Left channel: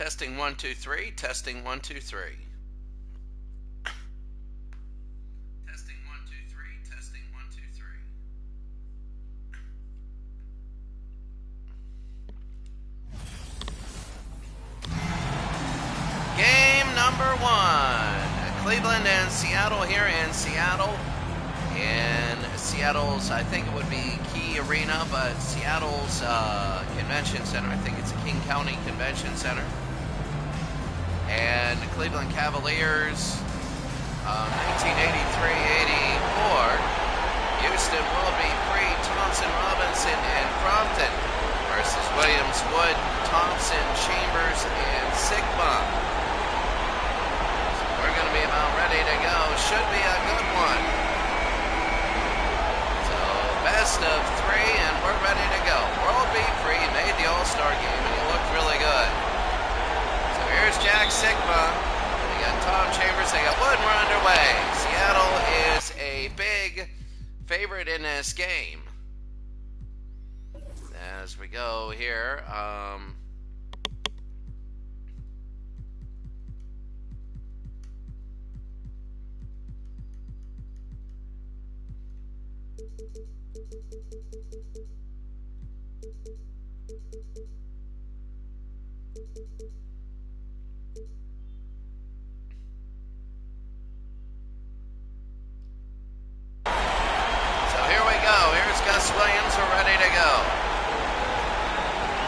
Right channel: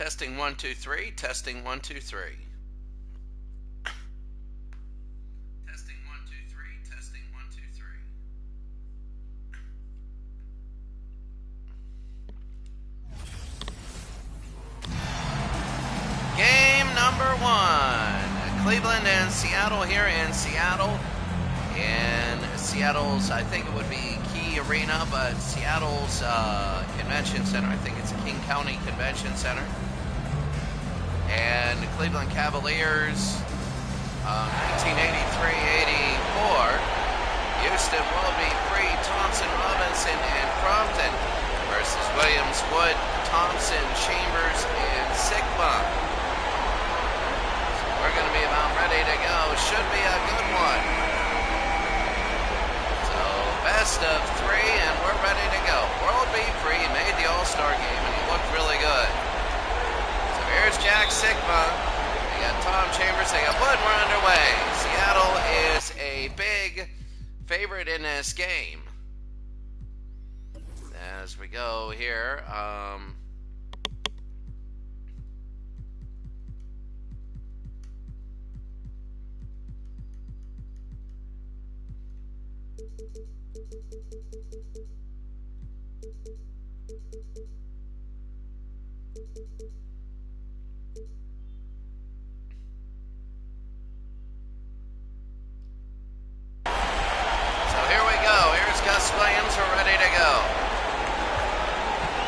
Testing 1 2 3. Testing 1 2 3. Testing 1 2 3. Testing 1 2 3. Game number 1. Cleveland and Seattle here in Seattle. In Seattle's, I think it would be Key Arena, but Seattle's convention center. I think it's a King County Convention Center. And the Cleveland Cavaliers, 1983-84. Houston will be free. Thompson, Robinson, and Crompton versus Williams, Wood, Thompson, Chambers, and Sigma. So we're going to be about ready to go. Should be a good one. So best of 3, and we're ready to go. World B. Free made the All-Star game, and he looked really good. So here's Jack Sigma. They got Tom Chambers. They got Wood, and we're underway. Seattle is a big favorite in this game. As we go here, Gus Williams, we're ready to go.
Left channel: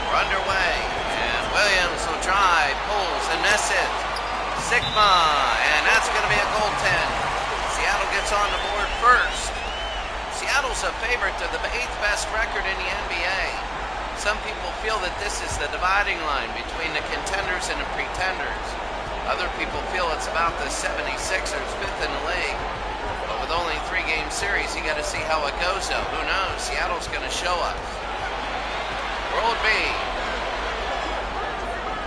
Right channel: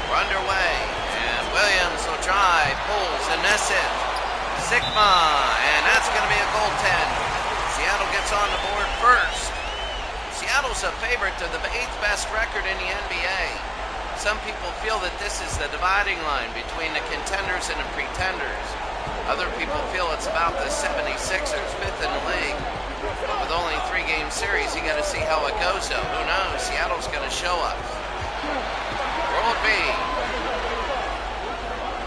We're underway, and Williams will try, pulls, and misses. Sigma, and that's going to be a goaltend. Seattle gets on the board first. Seattle's a favorite to the 8th best record in the NBA. Some people feel that this is the dividing line between the contenders and the pretenders. Other people feel it's about the 76ers, 5th in the league. But with only a 3-game series, you got to see how it goes, though. Who knows? Seattle's going to show us. World B.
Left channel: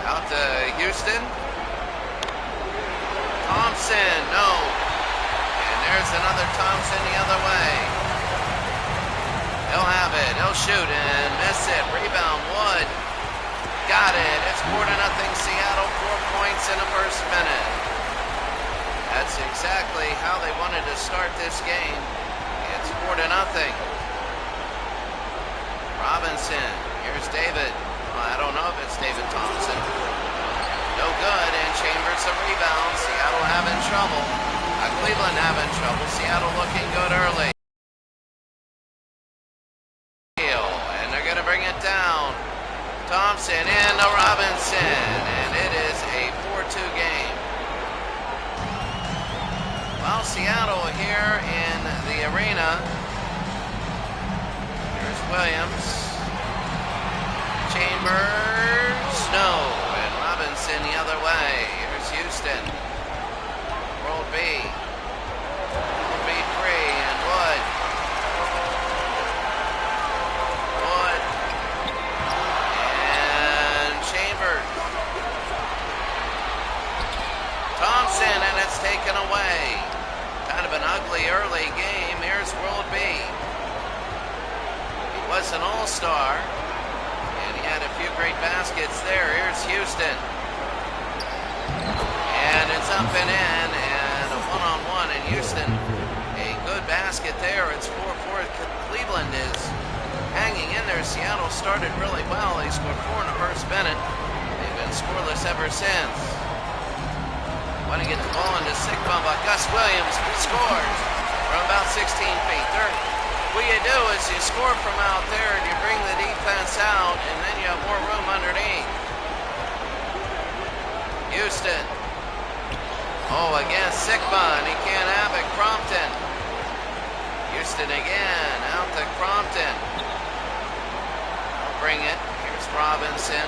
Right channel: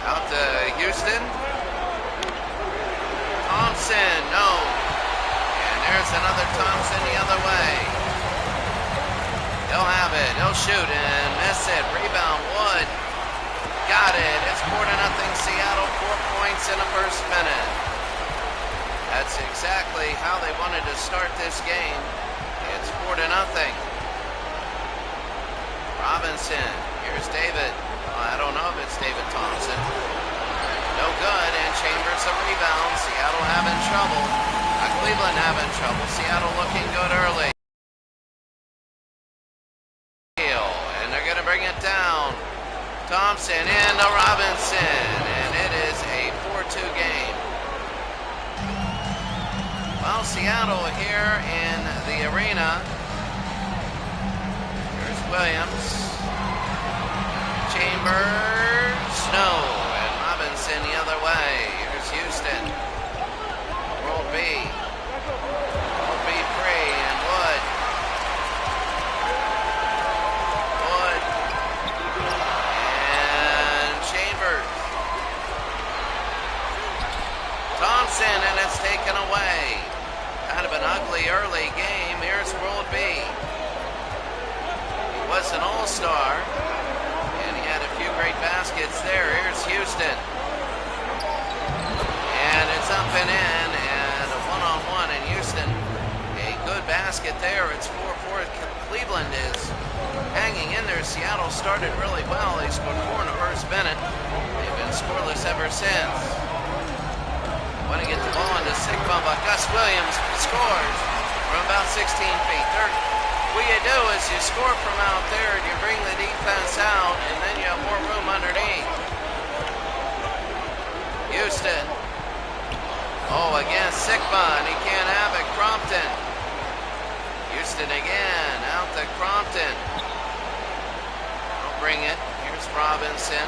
Out to Houston. Thompson, no. And there's another Thompson the other way. He'll have it. He'll shoot and miss it. Rebound, Wood. Got it. It's 4-0 Seattle. 4 points in the first minute. That's exactly how they wanted to start this game. It's 4-0. Robinson. Here's David. Well, I don't know if it's David Thompson. No good, and Chambers a rebound. Seattle having trouble. Cleveland having trouble. Seattle looking good early. And they're going to bring it down. Thompson into Robinson, and it is a 4-2 game. Well, Seattle here in the arena. Here's Williams. Chambers, no, and Robinson the other way. Here's Houston. World B. World B free, and Wood. Wood. And Chambers. Thompson, and it's taken away. Kind of an ugly early game. Here's World B. He was an all-star, and he had a few great baskets there. Here's Houston. And it's up and in, and a one-on-one in Houston. A good basket there. It's 4-4. Cleveland is hanging in there. Seattle started really well. They scored 4 in the first minute. They've been scoreless ever since. Want to get the ball into Sigma, but Gus Williams scores from about 16 feet. What you do is you score from out there and you bring the defense out, and then you have more room underneath. Houston. Oh, against Sigma, and he can't have it. Crompton. Houston again, out to Crompton. Don't bring it. Here's Robinson.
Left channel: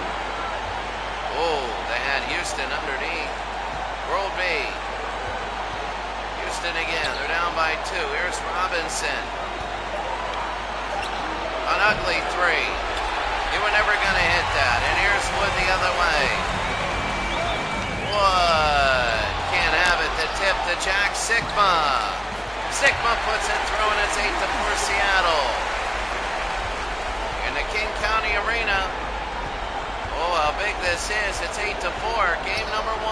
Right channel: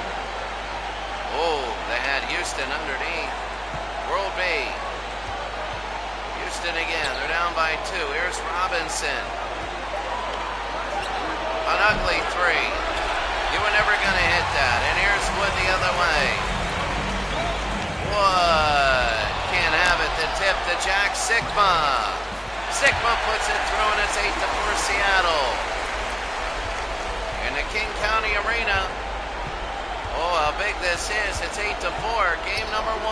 Oh, they had Houston underneath. World B. Houston again. They're down by 2. Here's Robinson. An ugly 3. You were never going to hit that. And here's Wood the other way. Wood. Can't have it. The tip to Jack Sigma. Sigma puts it through, and it's 8-4 Seattle. In the King County Arena. Oh, how big this is. It's 8-4. Game number 1.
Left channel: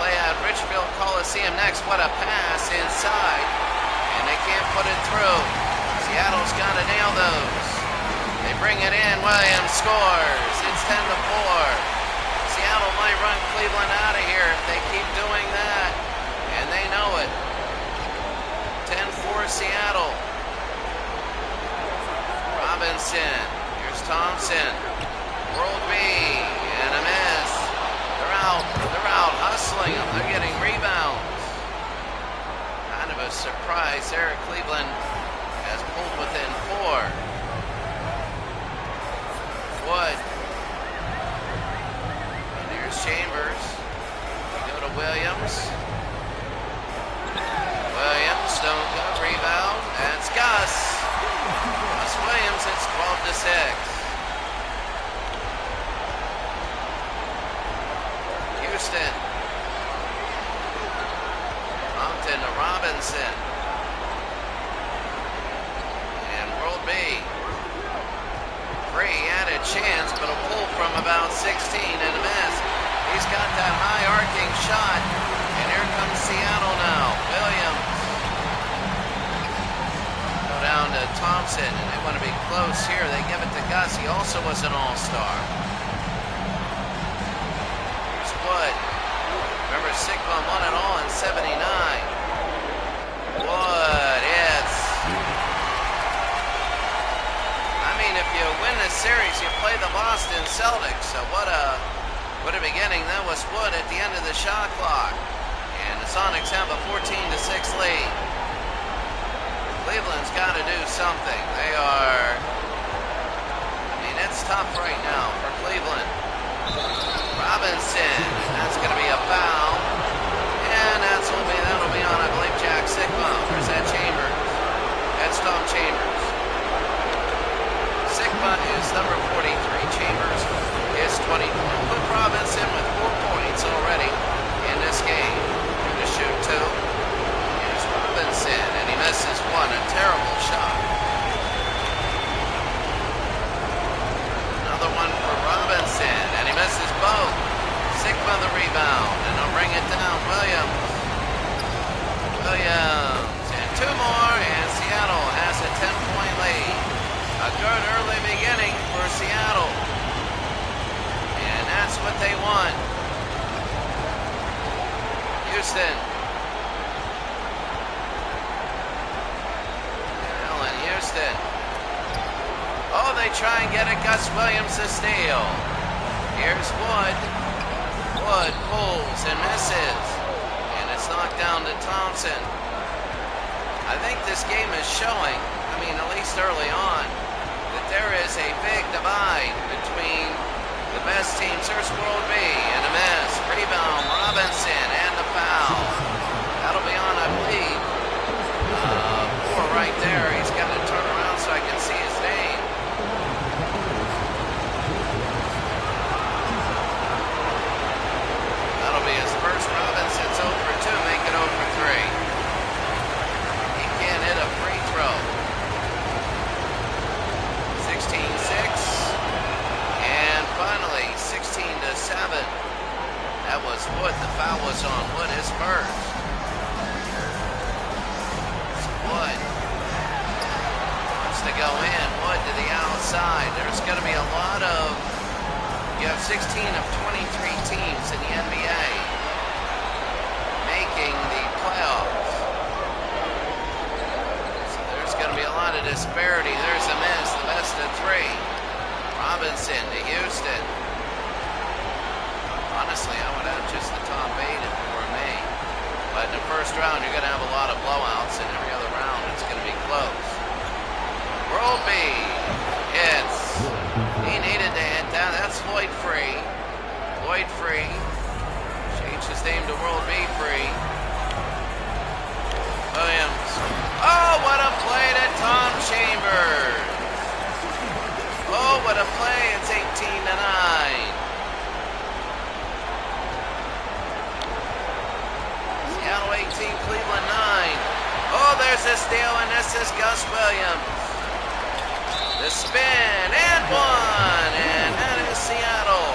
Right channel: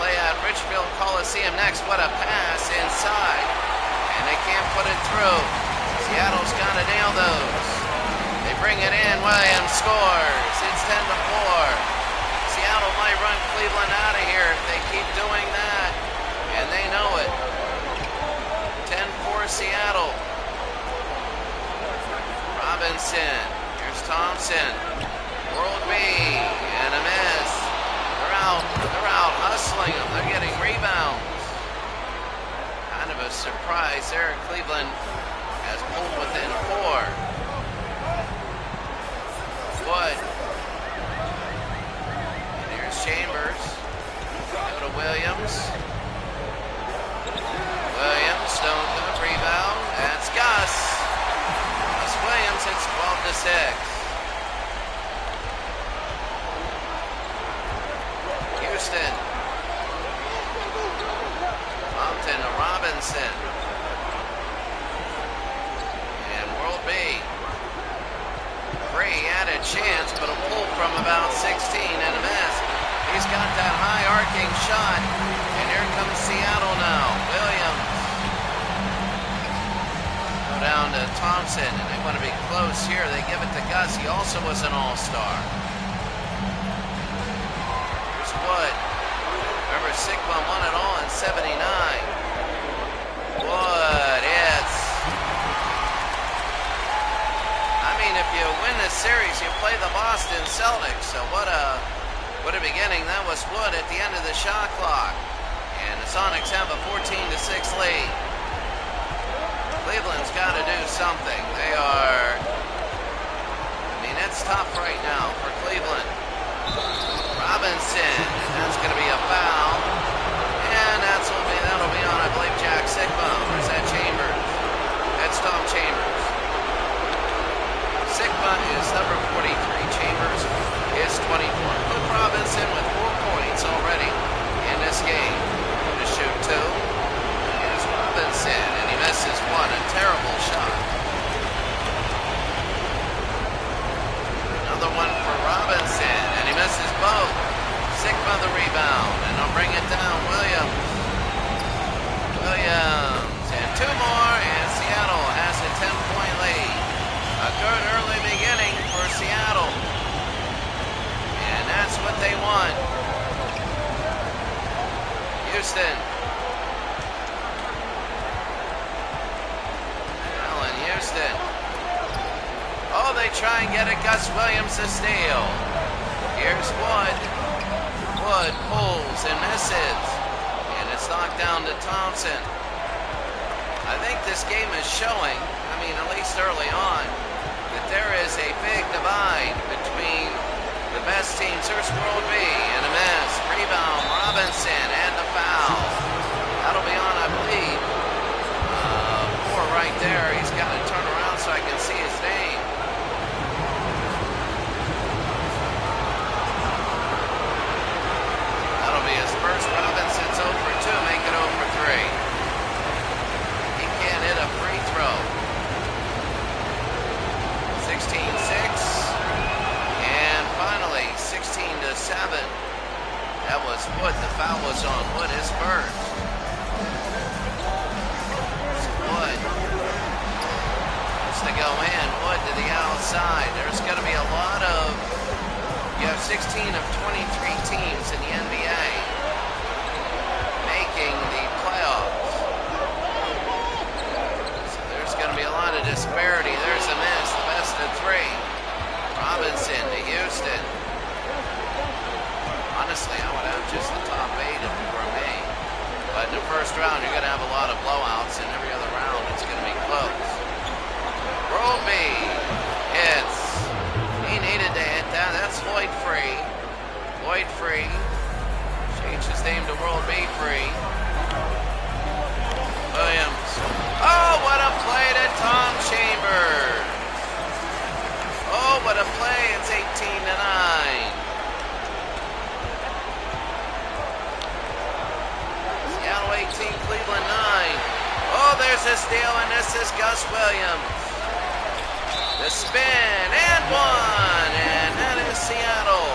Play at Richfield Coliseum next. What a pass inside. And they can't put it through. Seattle's got to nail those. They bring it in. Williams scores. It's 10-4. Seattle might run Cleveland out of here if they keep doing that. And they know it. 10-4 Seattle. Robinson. Here's Thompson. World B. And a miss. They're out hustling them. They're getting rebounds. Kind of a surprise there. Cleveland has pulled within 4. Wood. And here's Chambers. We go to Williams. Williams, don't go. Rebound. That's Gus. Gus Williams, it's 12-6. Houston. Compton to Robinson. And World B. Free had a chance, but a pull from about 16 and a miss. He's got that high arcing shot. And here comes Seattle now. Williams. Go down to Thompson, and they want to be close here. They give it to Gus. He also was an all-star. Wood. Remember, Sigma won it all in 79. Wood, I mean, if you win this series, you play the Boston Celtics. So what a beginning. That was Wood at the end of the shot clock. And the Sonics have a 14-6 lead. Cleveland's got to do something. They are, it's tough right now for Cleveland. Robinson, and that's going to be a foul, and that'll be on, I believe, Jack Sigma. Where's that Chambers? That's Tom Chambers. Sigma is number 43. Chambers is 24. Put Robinson with 4 points already in this game. Going to shoot 2. Here's Robinson, and he misses 1. A terrible shot. Another one for Robinson, and he misses both. Sigma the rebound, and they'll bring it down. Williams, and 2 more, and Seattle has a 10-point lead. A good early beginning for Seattle, and that's what they want. Houston. Allen Houston. Oh, they try and get it. Gus Williams to steal. Here's Wood. Wood pulls and misses. And it's knocked down to Thompson. I think this game is showing, at least early on, that there is a big divide between the best teams. There's World B and a miss. Rebound, Robinson, and a foul. That'll be on, I believe. 4 right there. He's got to turn around so I can see his name. That'll be his first. Robinson's 0 for 2, make it 0 for 3. He can't hit a free throw. 16-6. And finally, 16-7. That was Wood. The foul was on Wood, his first. So Wood wants to go in. Wood to the outside. There's going to be a lot of... You have 16 of 23 teams in the NBA making the playoffs. So there's going to be a lot of disparity. There's a miss, the best of 3. Robinson to Houston. Honestly, I would have just the top 8 if it were me. But in the first round, you're going to have a lot of blowouts, and every other round it's going to be close. World B. He needed to hit that. That's Floyd Free. Floyd Free. Changed his name to World B Free. Williams. Oh, what a play to Tom Chambers. Oh, what a play. It's 18-9. Seattle 18, Cleveland 9. Oh, there's a steal, and this is Gus Williams. The spin and one, and that is Seattle.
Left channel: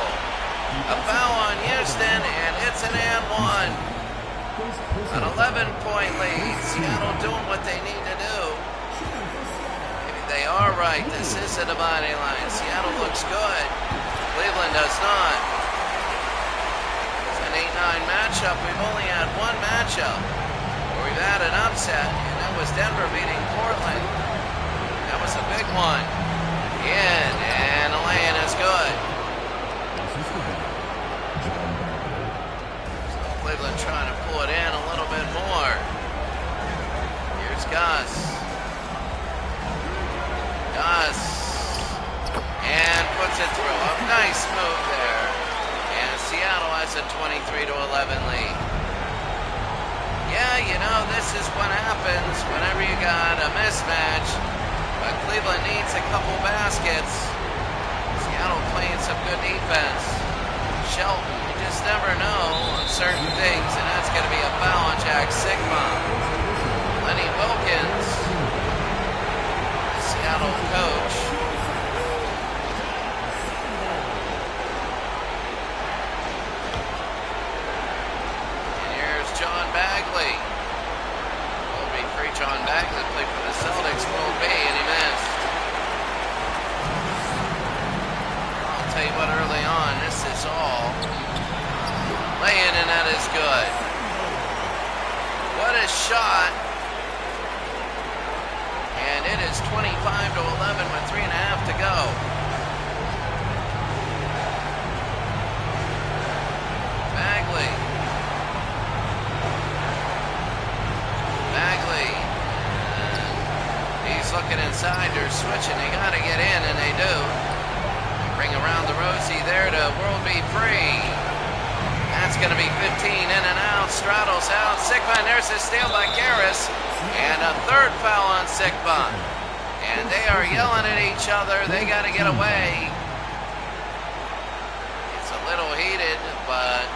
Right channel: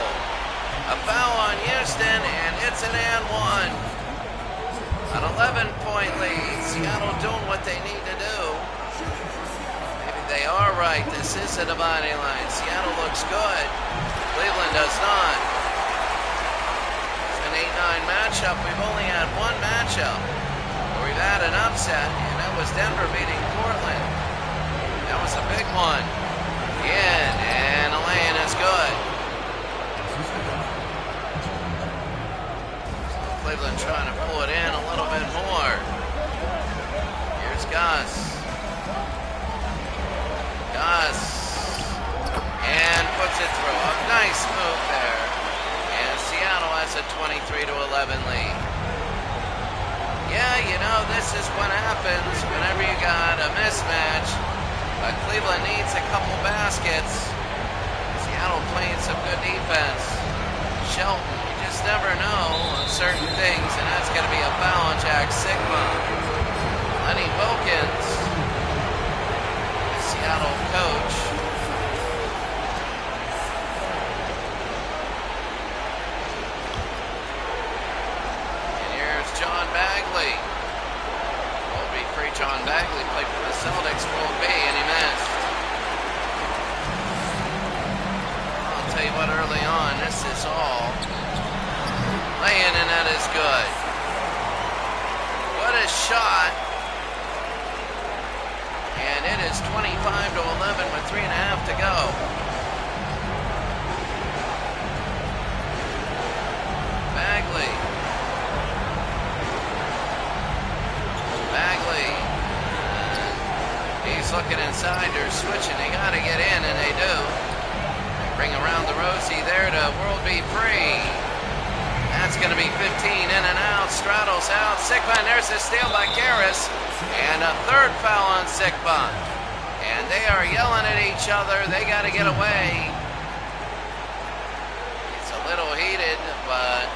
A foul on Houston, and it's an and one. An 11-point lead. Seattle doing what they need to do. Maybe they are right. This is a dividing line. Seattle looks good. Cleveland does not. It's an 8-9 matchup. We've only had one matchup where we've had an upset, and that was Denver beating Portland. That was a big one. In, and a lay-in is good. So Cleveland trying to pull it in a little bit more. Here's Gus. And puts it through. A nice move there. And Seattle has a 23-11 lead. Yeah, you know, this is what happens whenever you got a mismatch. But Cleveland needs a couple baskets. Seattle playing some good defense. Shelton, you just never know on certain things, and that's going to be a foul on Jack Sigma. Lenny Wilkins, the Seattle coach. And here's John Bagley. World B free John Bagley played for the Celtics, World B, and he missed. I'll tell you what, early on, this is all laying, and that is good. What a shot. And it is 25-11 with 3.5 to go. Bagley. He's looking inside. They're switching. They got to get in, and they do. They bring around the Rosie there to World B free. That's going to be 15 in and out. Straddles out. Sigma, and there's a steal by Karras. And a third foul on Sigma. And they are yelling at each other. They got to get away. It's a little heated, but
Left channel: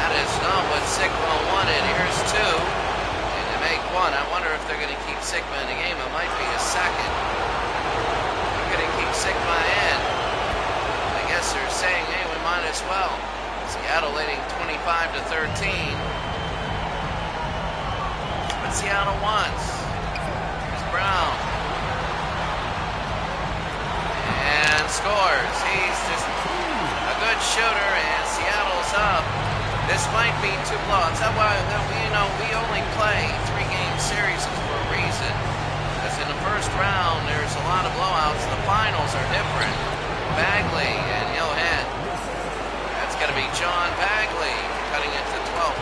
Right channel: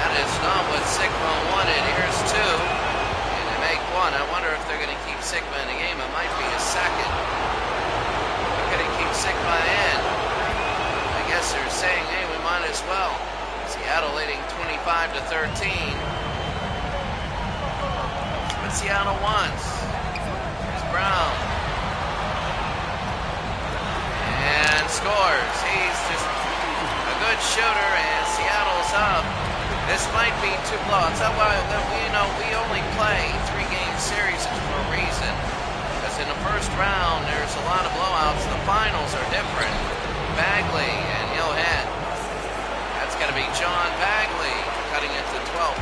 that is not what Sigma wanted. Here's two. And they make one. I wonder if they're going to keep Sigma in the game. It might be a second. They're going to keep Sigma in. I guess they're saying, hey, we might as well. Seattle leading 25-13. What Seattle wants. Here's Brown. And scores. He's just a good shooter, and Seattle's up. This might be two blowouts. That's why we only play 3-game series for a reason. Because in the first round, there's a lot of blowouts. The finals are different. Bagley, and he'll hit. That's going to be John Bagley, cutting it to 12.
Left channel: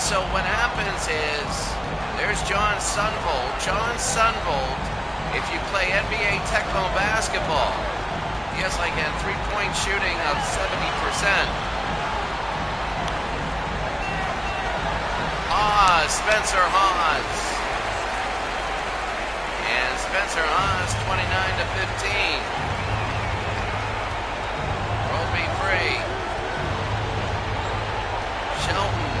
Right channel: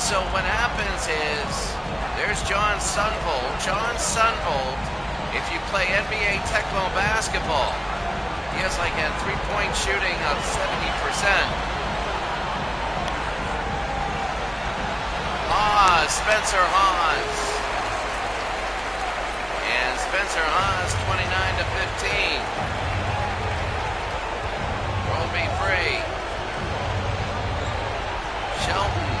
So what happens is, there's John Sunvold. John Sunvold, if you play NBA Tecmo basketball, he has like a three-point shooting of 70%. Spencer Hawes. And Spencer Hawes, 29-15. World B free. Shelton.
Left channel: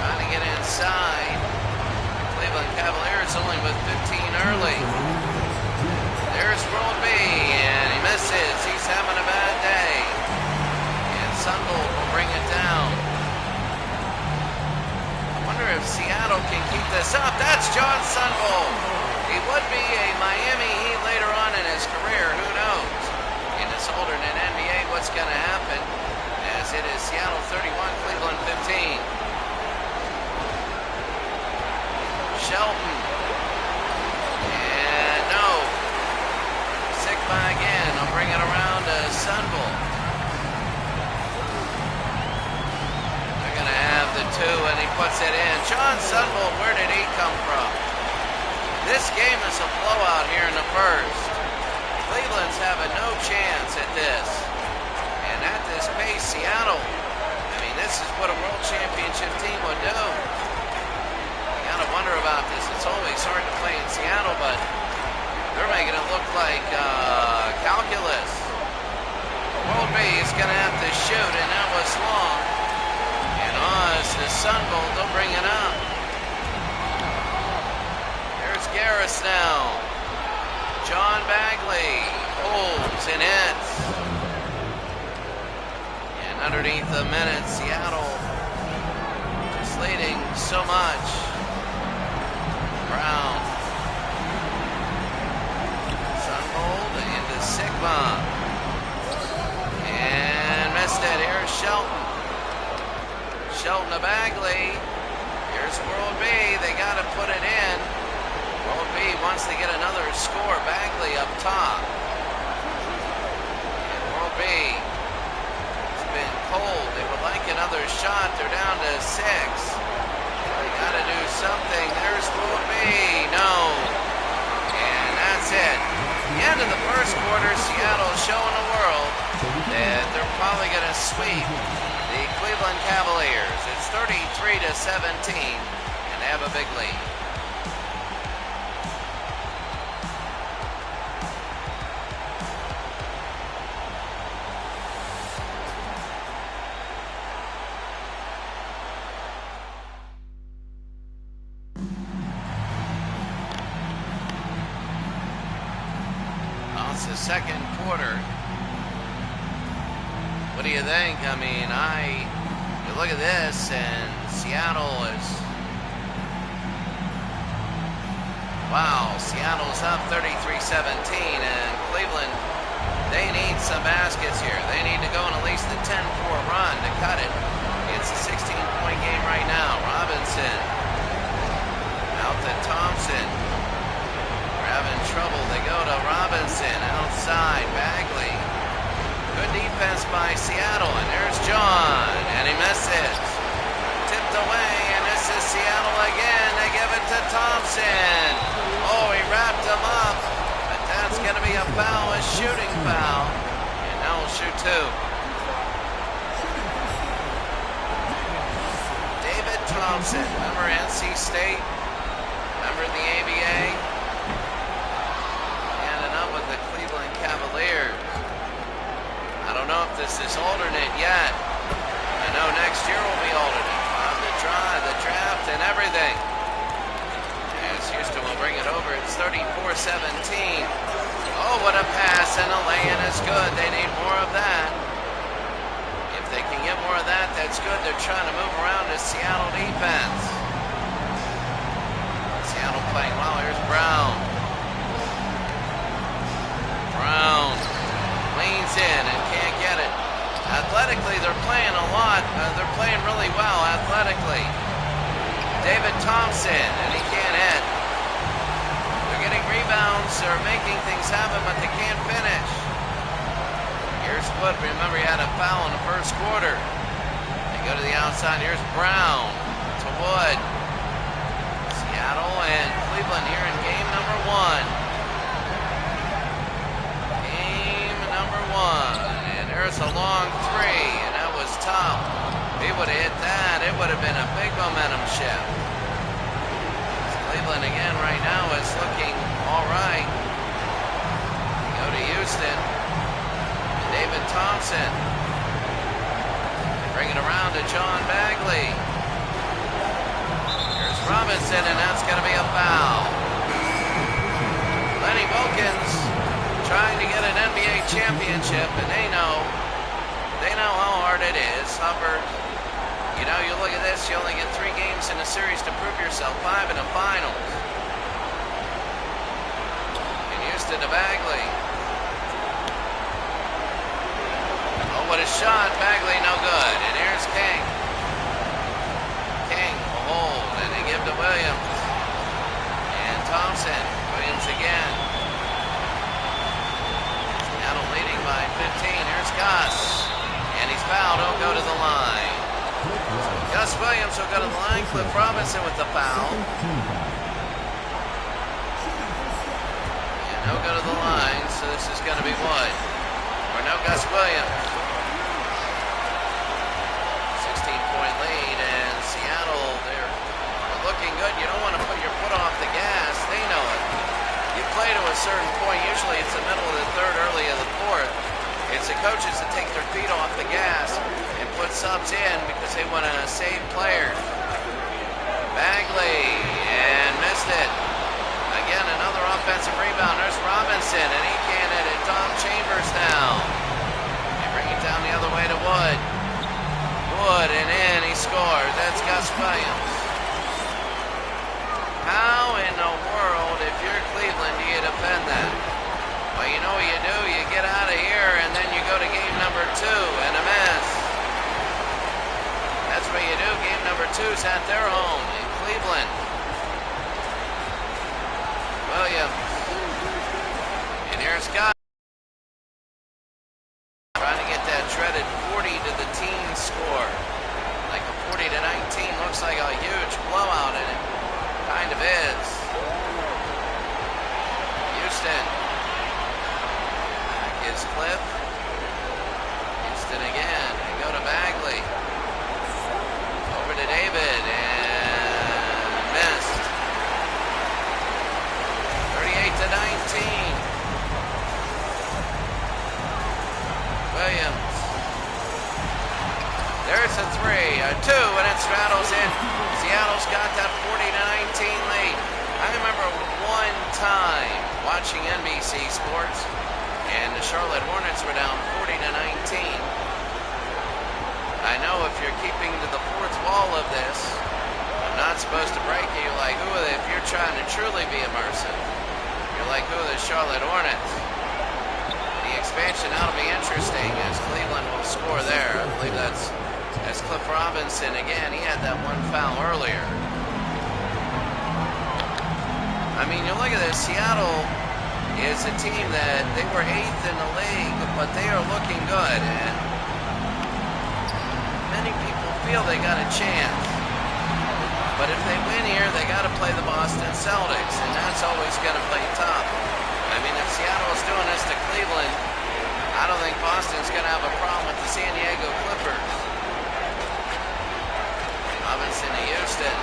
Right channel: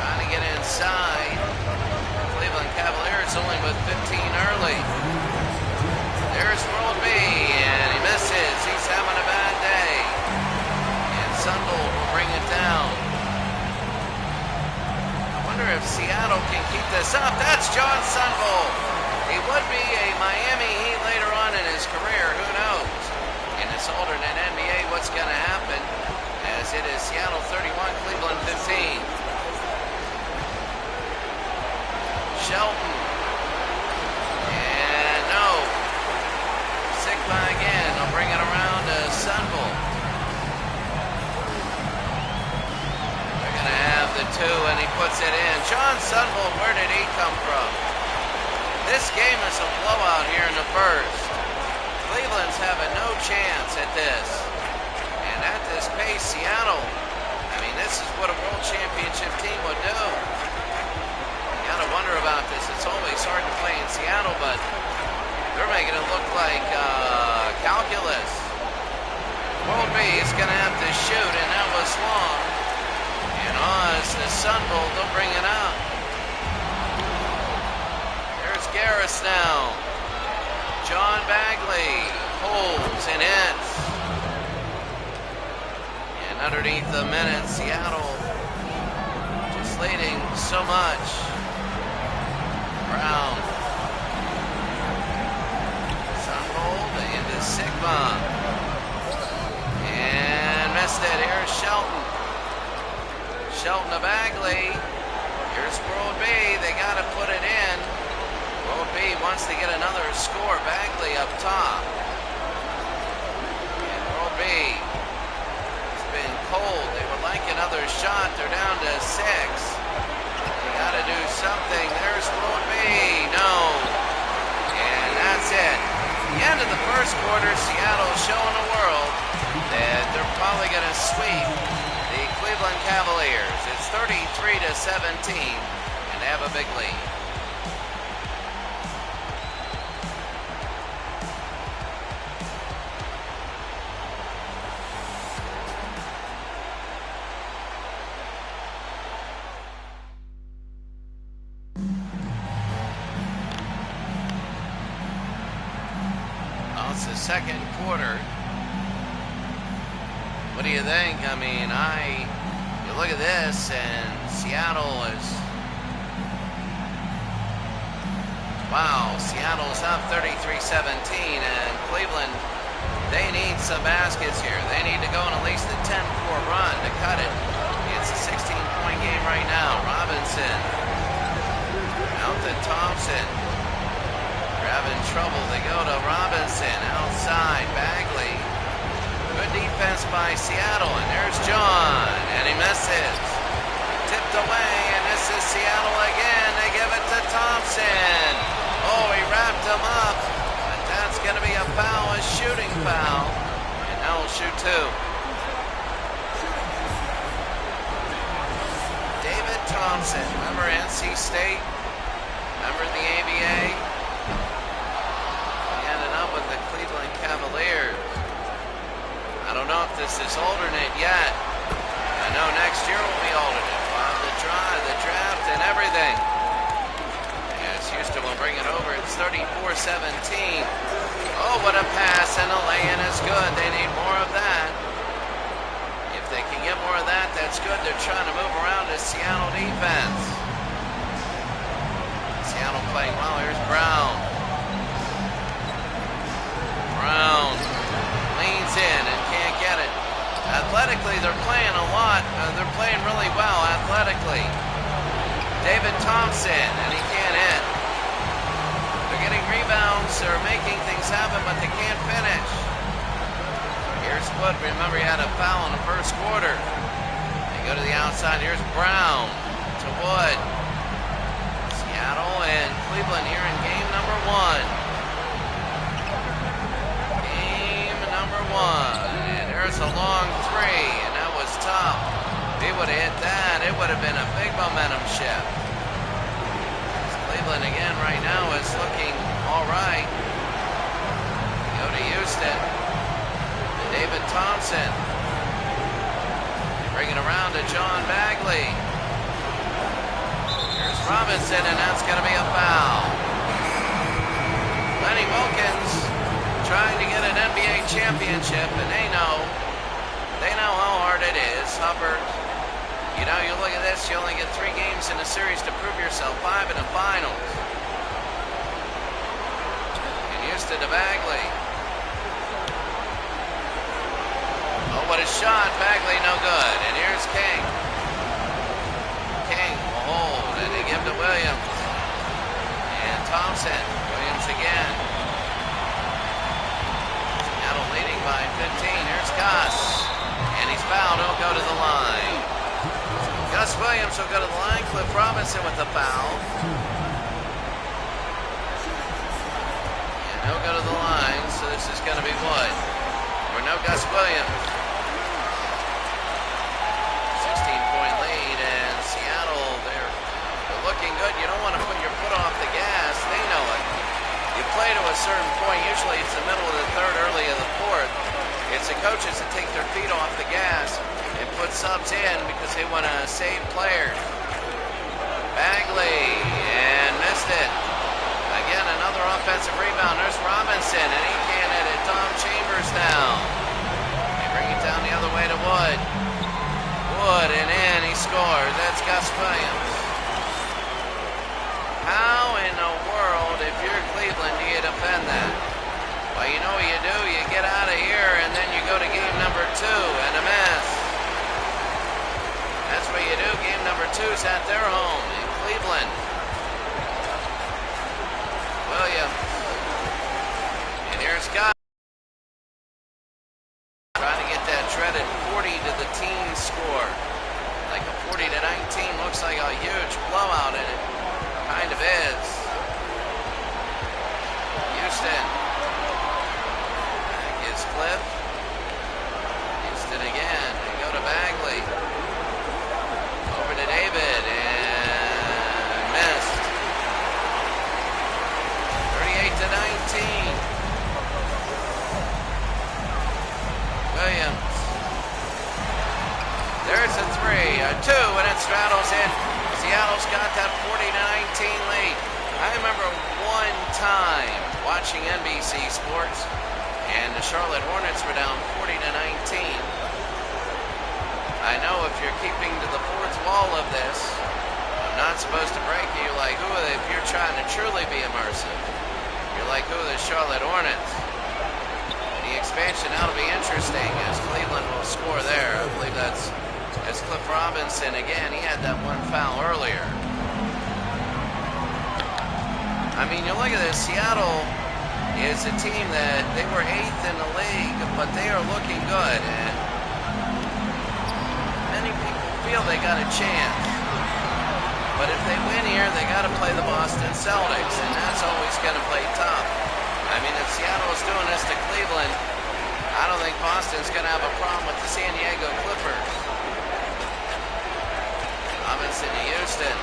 Trying to get inside. The Cleveland Cavaliers only with 15 early. There's World B, and he misses. He's having a bad day. Sunvold will bring it down. I wonder if Seattle can keep this up. That's John Sunvold. He would be a Miami Heat later on in his career. Who knows? In this alternate NBA, what's going to happen? As it is Seattle 31, Cleveland 15. Shelton. And no. Sigma again. I'll bring it around to Sunvold. Going to have the two, and he puts it in. John Sunvold, where did he come from? This game is a blowout here in the first. Cleveland's having no chance at this. And at this pace, Seattle, I mean, this is what a world championship team would do. You got to wonder about this. It's always hard to play in Seattle, but they're making it look like calculus. World B is going to have to shoot, and that was long. And Oz, the Sunvold, they'll bring it up. Garris now. John Bagley pulls and hits. And underneath the minute, Seattle just leading so much. Brown. Sunbold into Sigma. And missed it. Here's Shelton. Shelton to Bagley. Here's World B. They got to put it in. World B wants to get another score. Bagley up top. And World B has been cold. They would like another shot. They're down to 6. They got to do something. There's World B. No. And that's it. The end of the first quarter, Seattle showing the world that they're probably going to sweep the Cleveland Cavaliers. It's 33-17, and they have a big lead. Well, it's the second quarter. What do you think? I mean, you look at this, and Seattle is, wow, Seattle's up 33-17, and Cleveland, they need some baskets here. They need to go on at least a 10-4 run to cut it. It's a 16-point game right now. Robinson out to Thompson. They're having trouble. They go to Robinson outside. Bagley. Good defense by Seattle, and there's John, and he misses. Tipped away, and this is Seattle again. They give it to Thompson. Oh, he wrapped him up, but that's going to be a foul, a shooting foul, and now we'll shoot 2. David Thompson, remember NC State? Remember the ABA? He ended up with the Cleveland Cavaliers. I don't know if this is alternate yet. I know next year will be alternate. We'll have the draft, and everything. As Houston will bring it over, it's 34-17. Oh, what a pass, and a lay-in is good. They need more of that. If they can get more of that, that's good. They're trying to move around the Seattle defense. Seattle playing well. Here's Brown. Brown leans in and can't get it. Athletically, they're playing a lot. They're playing really well athletically. David Thompson, and he can't hit. They're getting rebounds. They're making things happen, but they can't finish. Here's Wood. Remember, he had a foul in the first quarter. They go to the outside. Here's Brown to Wood. Seattle and Cleveland here in game number 1. Number 1, and there's a long 3, and that was tough. If he would have hit that, it would have been a big momentum shift. Cleveland again right now is looking all right. We go to Houston, to David Thompson. They bring it around to John Bagley. Here's Robinson, and that's going to be a foul. Lenny Wilkins trying to get an NBA championship, and they know how hard it is. Hubbard, you know, you look at this, you only get 3 games in a series to prove yourself, 5 in the finals. And Houston to Bagley. Oh, what a shot. Bagley no good. And here's King. King will hold, and they give to Williams. And Thompson. Williams again. Seattle leading by 15. Here's Gus. And he's fouled. He'll go to the line. So Gus Williams will go to the line. Cliff Robinson with the foul. And he'll go to the line. So this is going to be Wood. Or no Gus Williams. 16-point lead. And Seattle, they're looking good. You don't want to put your foot off the gas. They know it. You play to a certain point. Usually it's the middle of the third, early of the fourth. It's the coaches that take their feet off the gas and put subs in because they want to save players. Bagley, and missed it. Again, another offensive rebound. There's Robinson, and he can't hit it. Tom Chambers down. They bring it down the other way to Wood. Wood, and in, he scores. That's Gus Williams. How in the world, if you're Cleveland, do you defend that? Well, you know what you do? You get out of here, and then you go to game number 2 and a miss. That's what you do. Game number 2's at their home in Cleveland. Williams. And here's Scott. Trying to get that shredded 40 to the team score. Like a 40 to 19 looks like a huge blowout, and it kind of is. Houston. Back is Cliff. Houston again. They go to Bagley. Over to David, and missed. 38 to 19. Williams. There's a 3, a 2, and it straddles in. Seattle's got that 40 to 19 lead. I remember one time watching NBC Sports, and the Charlotte Hornets were down 40 to 19. I know if you're keeping to the fourth wall of this, I'm not supposed to break you. You're like, who are they? If you're trying to truly be immersive, you're like, who are the Charlotte Hornets? The expansion now will be interesting as Cleveland will score there. I believe that's Cliff Robinson again. He had that one foul earlier. I mean, you look at this. Seattle is a team that they were 8th in the league, but they are looking good. And many people feel they got a chance. But if they win here, they got to play the Boston Celtics, and that's always going to play tough. I mean, if Seattle is doing this to Cleveland, I don't think Boston's going to have a problem with the San Diego Clippers. Robinson to Houston.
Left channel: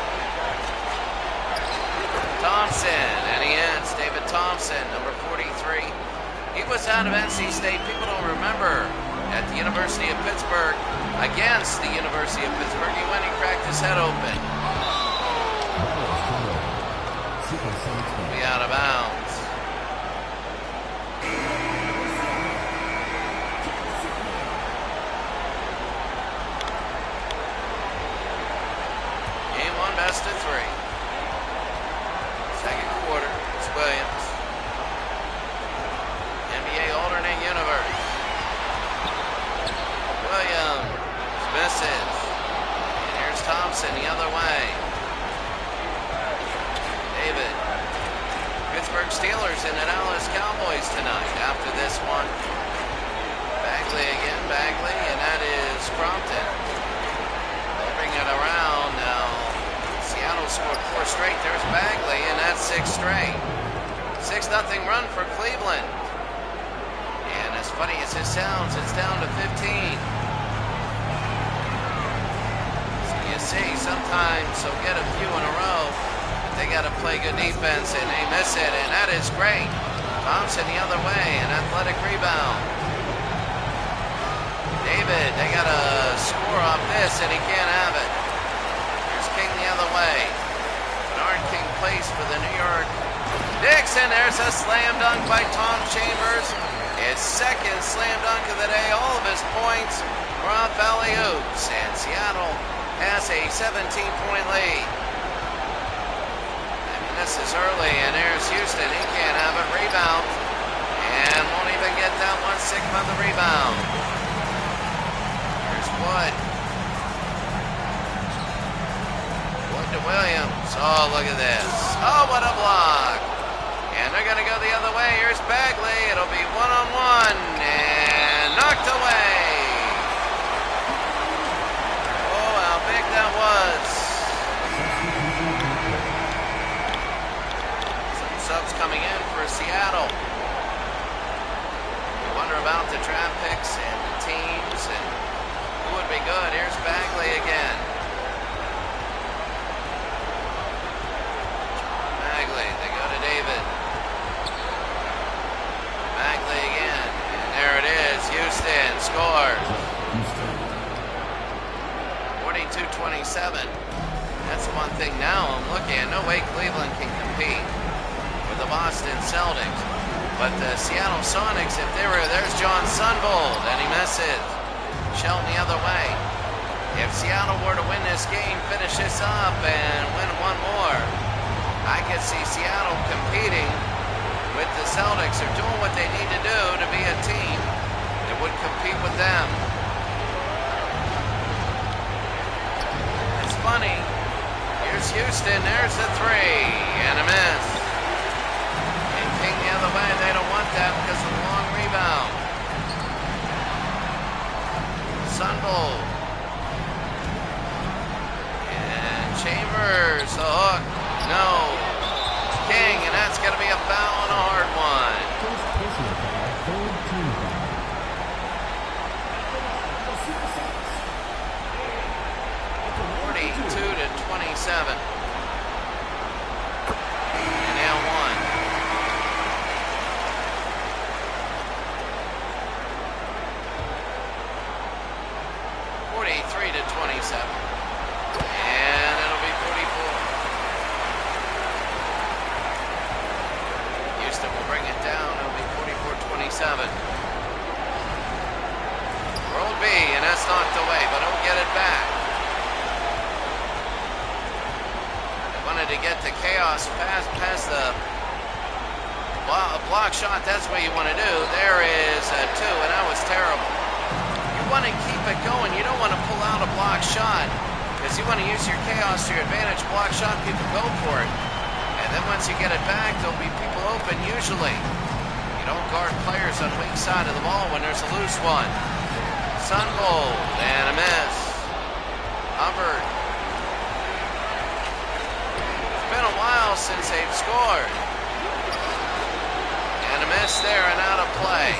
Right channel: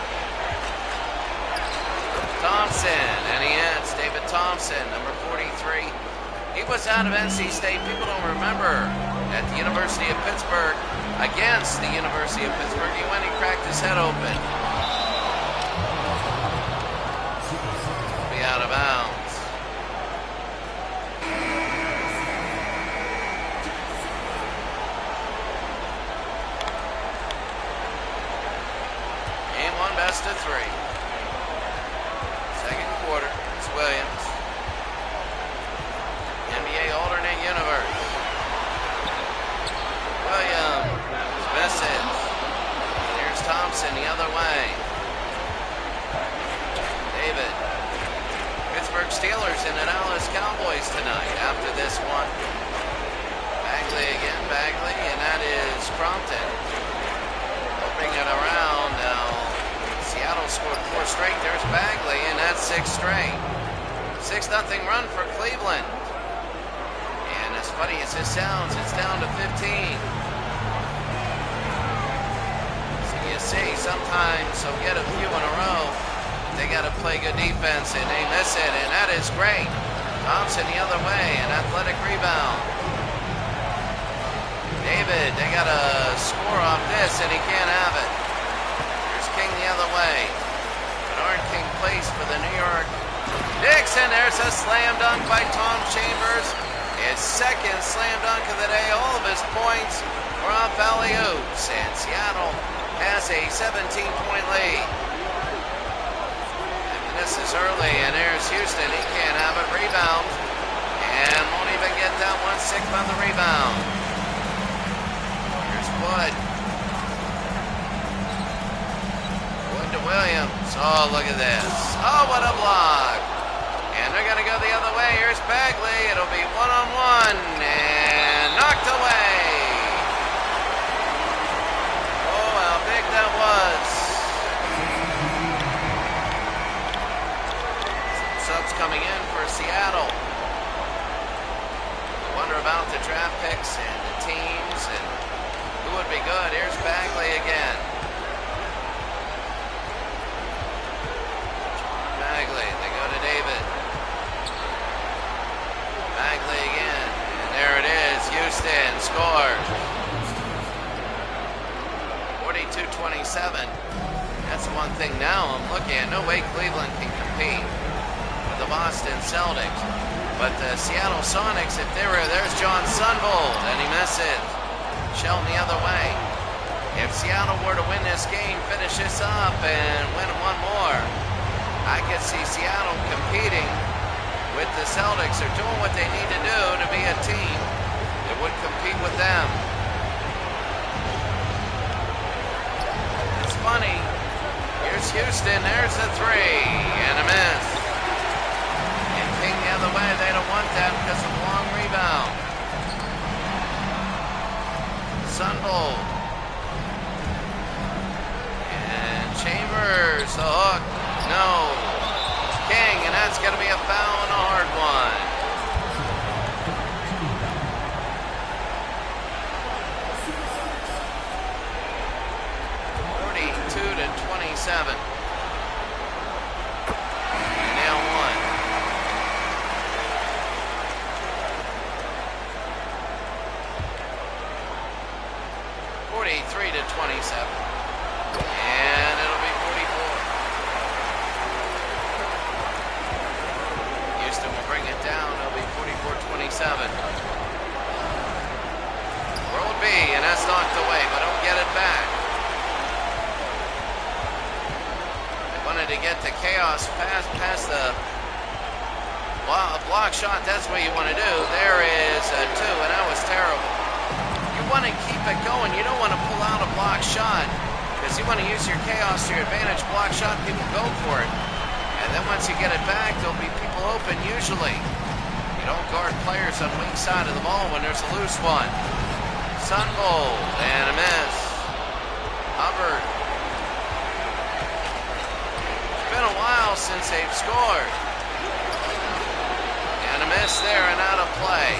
Thompson, and he hits. David Thompson, number 43. He was out of NC State. People don't remember. At the University of Pittsburgh, against the University of Pittsburgh, he went and cracked his head open. Be out of bounds. Game 1, best of 3. Second quarter, it's Williams. NBA alternate universe. Williams misses. And here's Thompson the other way. David. Pittsburgh Steelers and the Dallas Cowboys tonight after this one. Bagley again, Bagley, and that is Crompton. They'll bring it around now. Seattle scored 4 straight. There's Bagley, and that's 6 straight. 6-0 run for Cleveland. And as funny as this sounds, it's down to 15. So you see, sometimes they'll get a few in a row. They got to play good defense, and they miss it, and that is great. Thompson the other way, an athletic rebound. David, they got to score off this, and he can't have it. Here's King the other way. Bernard King plays for the New York Knicks, and there's a slam dunk by Tom Chambers. His second slam dunk of the day. All of his points were off alley-oops, and Seattle has a 17-point lead. This is early, and there's Houston. He can't have it. Rebound. And won't even get that one. 6th on the rebound. Here's Wood. Wood to Williams. Oh, look at this. Oh, what a block. And they're going to go the other way. Here's Bagley. It'll be one-on-one. And knocked away. Oh, how big that was. Subs coming in for Seattle. You wonder about the draft picks and the teams and who would be good. Here's Bagley again. John Bagley. They go to David. Bagley again. And there it is. Houston scores. 42-27. That's one thing now I'm looking at. No way Cleveland can compete. the Boston Celtics. But the Seattle Sonics, if they were, there's John Sunvold, and he misses. Shelton the other way. If Seattle were to win this game, finish this up, and win one more, I could see Seattle competing with the Celtics. They're doing what they need to do to be a team that would compete with them. It's funny. Here's Houston. There's the three, and a miss. And King the other way. They don't want that because of the long rebound. Sunvold. And Chambers, the hook. No. King, and that's going to be a foul and a hard one. To 27. And now one. (43 to 27). And it'll be 44. Houston will bring it down. It'll be 44-27. World B, and that's knocked away, but he'll get it back. Wanted to get the chaos past the block shot. That's what you want to do. There is a two, and that was terrible. You want to keep it going. You don't want to pull out a block shot because you want to use your chaos to your advantage. Block shot, people go for it. And then once you get it back, there'll be people open usually. You don't guard players on the weak side of the ball when there's a loose one. Sunvold, and a miss. Hubbard. Been a while since they've scored. And a miss there and out of play.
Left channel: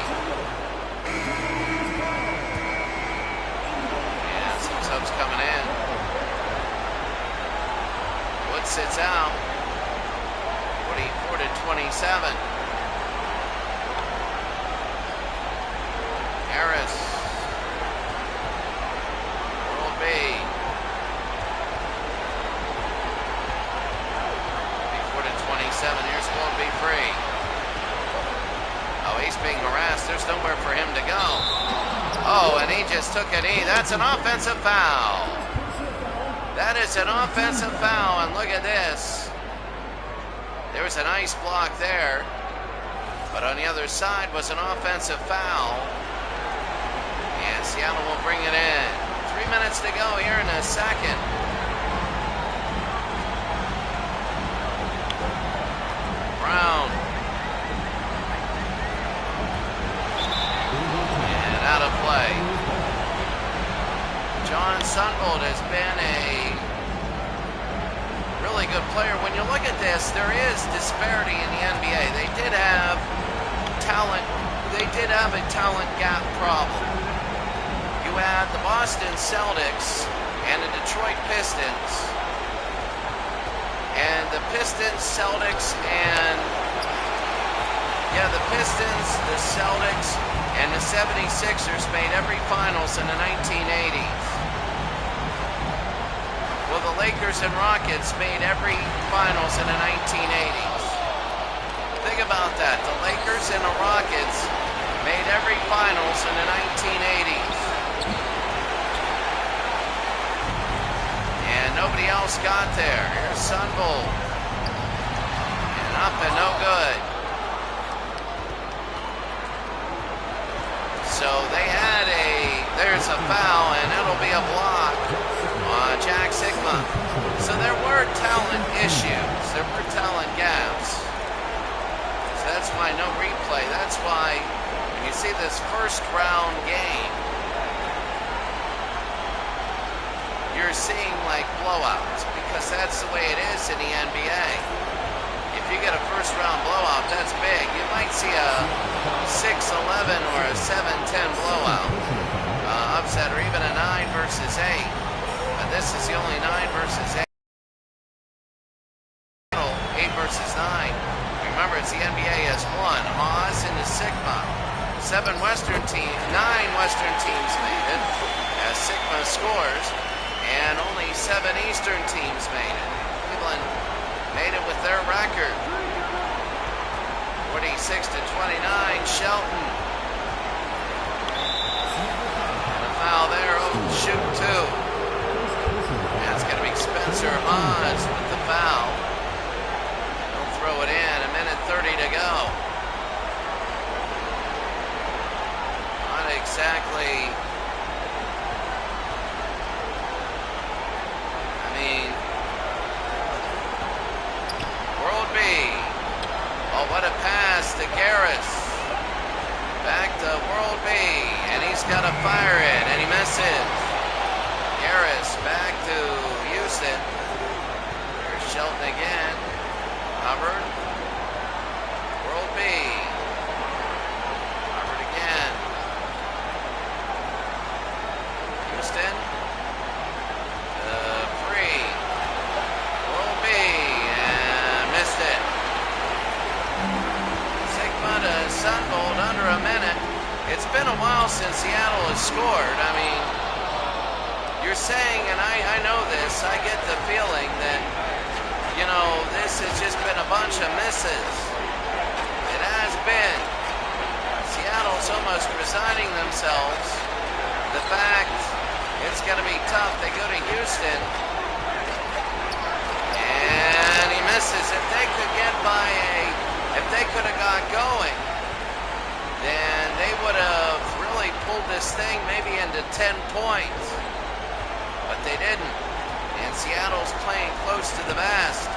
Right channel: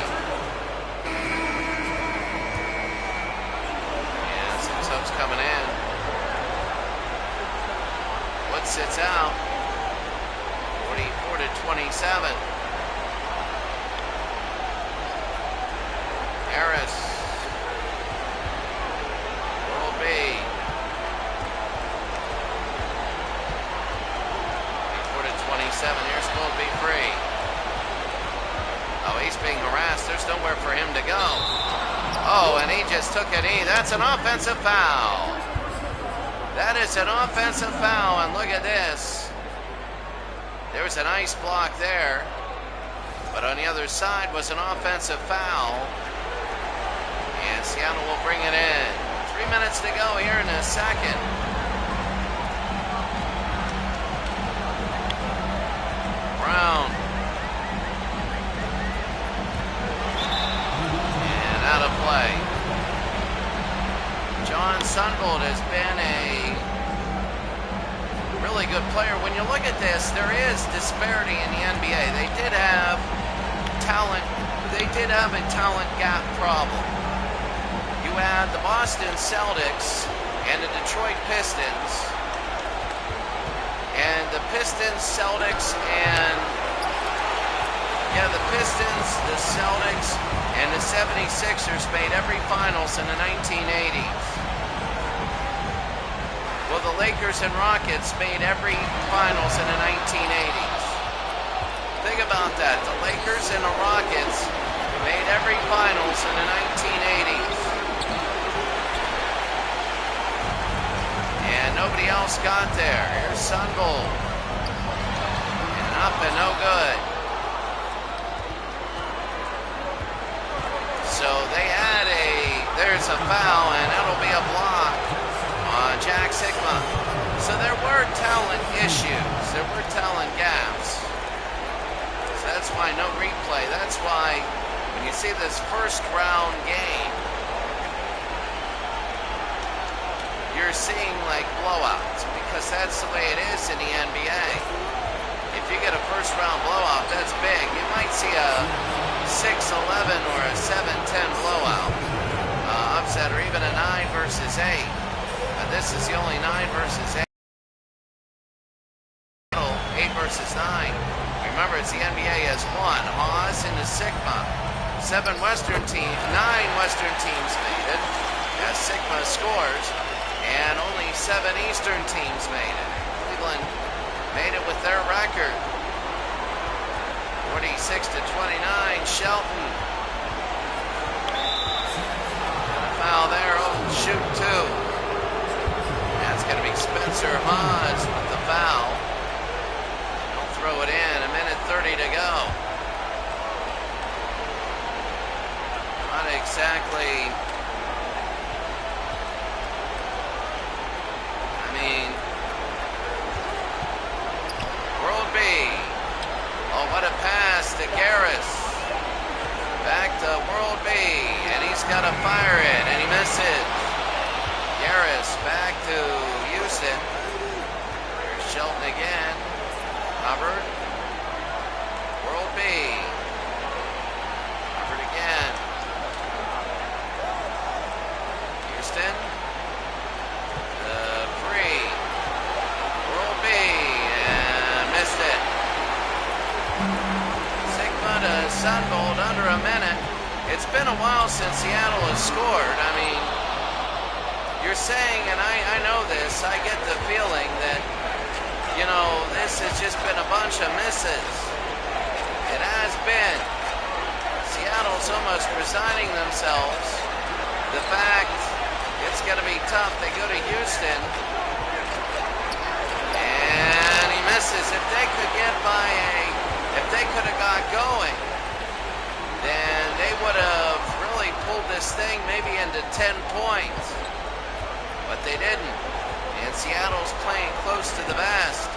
And some subs coming in. Wood sits out. 44 to 27. Harris. World B. 27. Here's supposed to be free. Oh, he's being harassed. There's nowhere for him to go. Oh, and he just took a knee. That's an offensive foul. That is an offensive foul, and look at this. There was a nice block there, but on the other side was an offensive foul, and Seattle will bring it in. 3 minutes to go here in the second. Brown. And out of play. John Sunvold has been a really good player. When you look at this, there is disparity in the NBA. They did have talent. They did have a talent gap problem. You had the Boston Celtics and the Detroit Pistons. And the Pistons, Celtics, and the Pistons, the Celtics, and the 76ers made every finals in the 1980s. Well, the Lakers and Rockets made every finals in the 1980s. Think about that. The Lakers and the Rockets made every finals in the 1980s. And nobody else got there. Here's Sunvold. And up and no good. So they had there's a foul, and it'll be a block on Jack Sigma. So there were talent issues. There were talent gaps. So that's why no replay. That's why when you see this first round game, you're seeing like blowouts, because that's the way it is in the NBA. If you get a first round blowout, that's big. You might see a 6-11 or a 7-10 blowout, upset, or even a 9 versus 8. But this is the only 9 versus 8. 8 versus 9. Remember, it's the NBA as one. Haas into Sigma. 9 Western teams made it as Sigma scores. And only 7 Eastern teams made it. Cleveland made it with their record. 46-29, Shelton. And a foul there, shoot two. That's going to be Spencer Haas with the foul. And he'll throw it in, 1:30 to go. Not exactly, I mean, World B. Oh, what a pass to Garris. Back to World B, and he's got to fire it, and he misses. Garris back to Houston. There's Shelton again. Hubbard. World B. Hubbard again. Houston. Free. World B, and missed it. Sigma to Sunbolt under a minute. It's been a while since Seattle has scored. I mean, you're saying, and I know this, I get the feeling that, you know, this has just been a bunch of misses. It has been. Seattle's almost resigning themselves. The fact it's going to be tough. They go to Houston, and he misses. If they could get if they could have got going, then they would have really pulled this thing maybe into 10 points. But they didn't. And Seattle's playing close to the vest.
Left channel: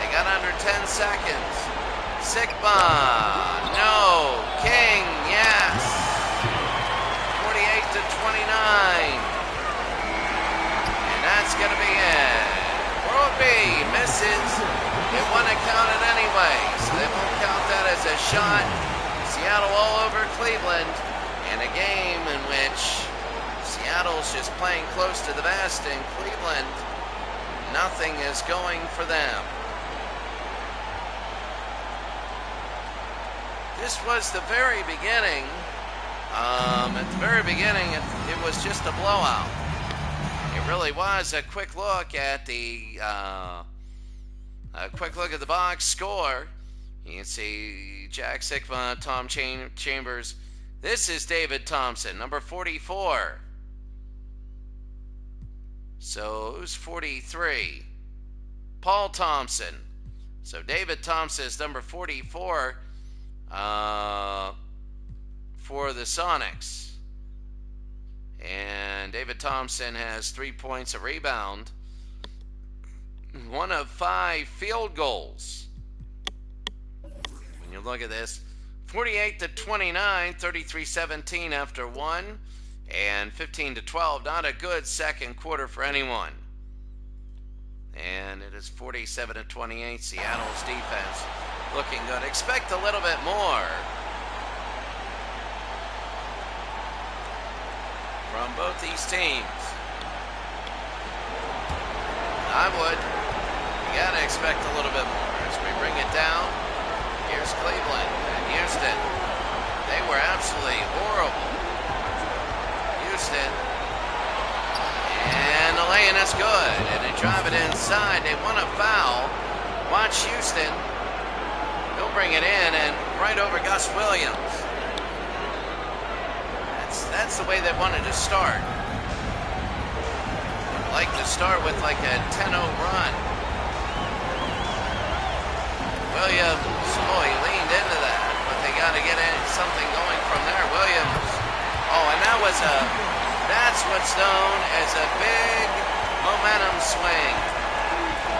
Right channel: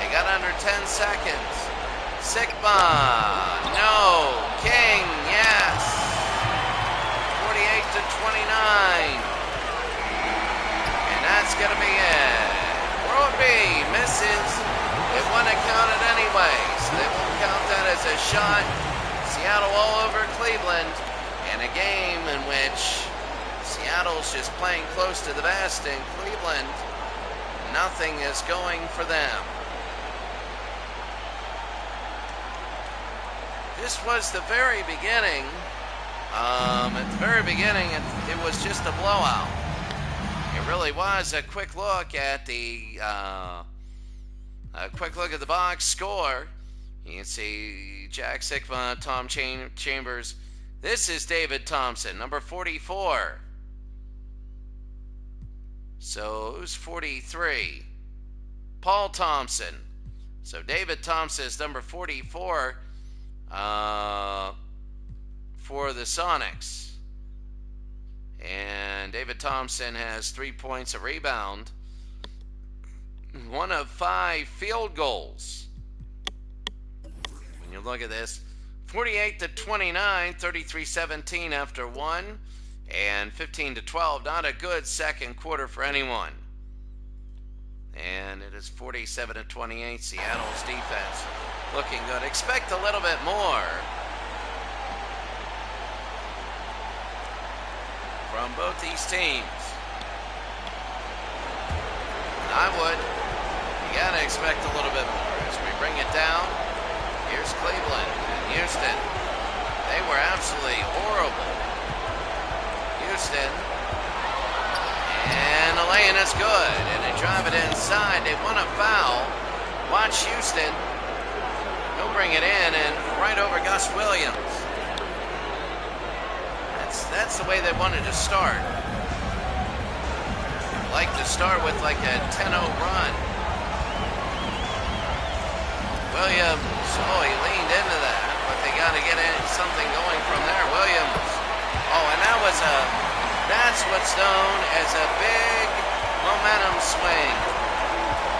They got under 10 seconds. Sigma, no. King, yes. 48-29. And that's going to be it. World B misses. It wouldn't have counted anyway, so they won't count that as a shot. Seattle all over Cleveland, and a game in which Seattle's just playing close to the vest, and Cleveland, nothing is going for them. This was the very beginning. At the very beginning, it was just a blowout. It really was. A quick look at the box score. You can see Jack Sigma, Tom Chambers. This is David Thompson, number 44. So who's 43? Paul Thompson. So David Thompson is number 44 for the Sonics. And David Thompson has 3 points, a rebound, 1 of 5 field goals. When you look at this, 48-29, 33-17 after 1, and 15-12. Not a good second quarter for anyone. And it is 47-28. Seattle's defense looking good. Expect a little bit more from both these teams. I would. You gotta expect a little bit more. As we bring it down, here's Cleveland and Houston. They were absolutely horrible. Houston. And the lay-in is good. And they drive it inside. They want a foul. Watch Houston. He'll bring it in and right over Gus Williams. That's the way they wanted to start. They'd like to start with like a 10-0 run. Williams, oh, he leaned into that, but they got to get something going from there. Williams, oh, and that's what's known as a big momentum swing.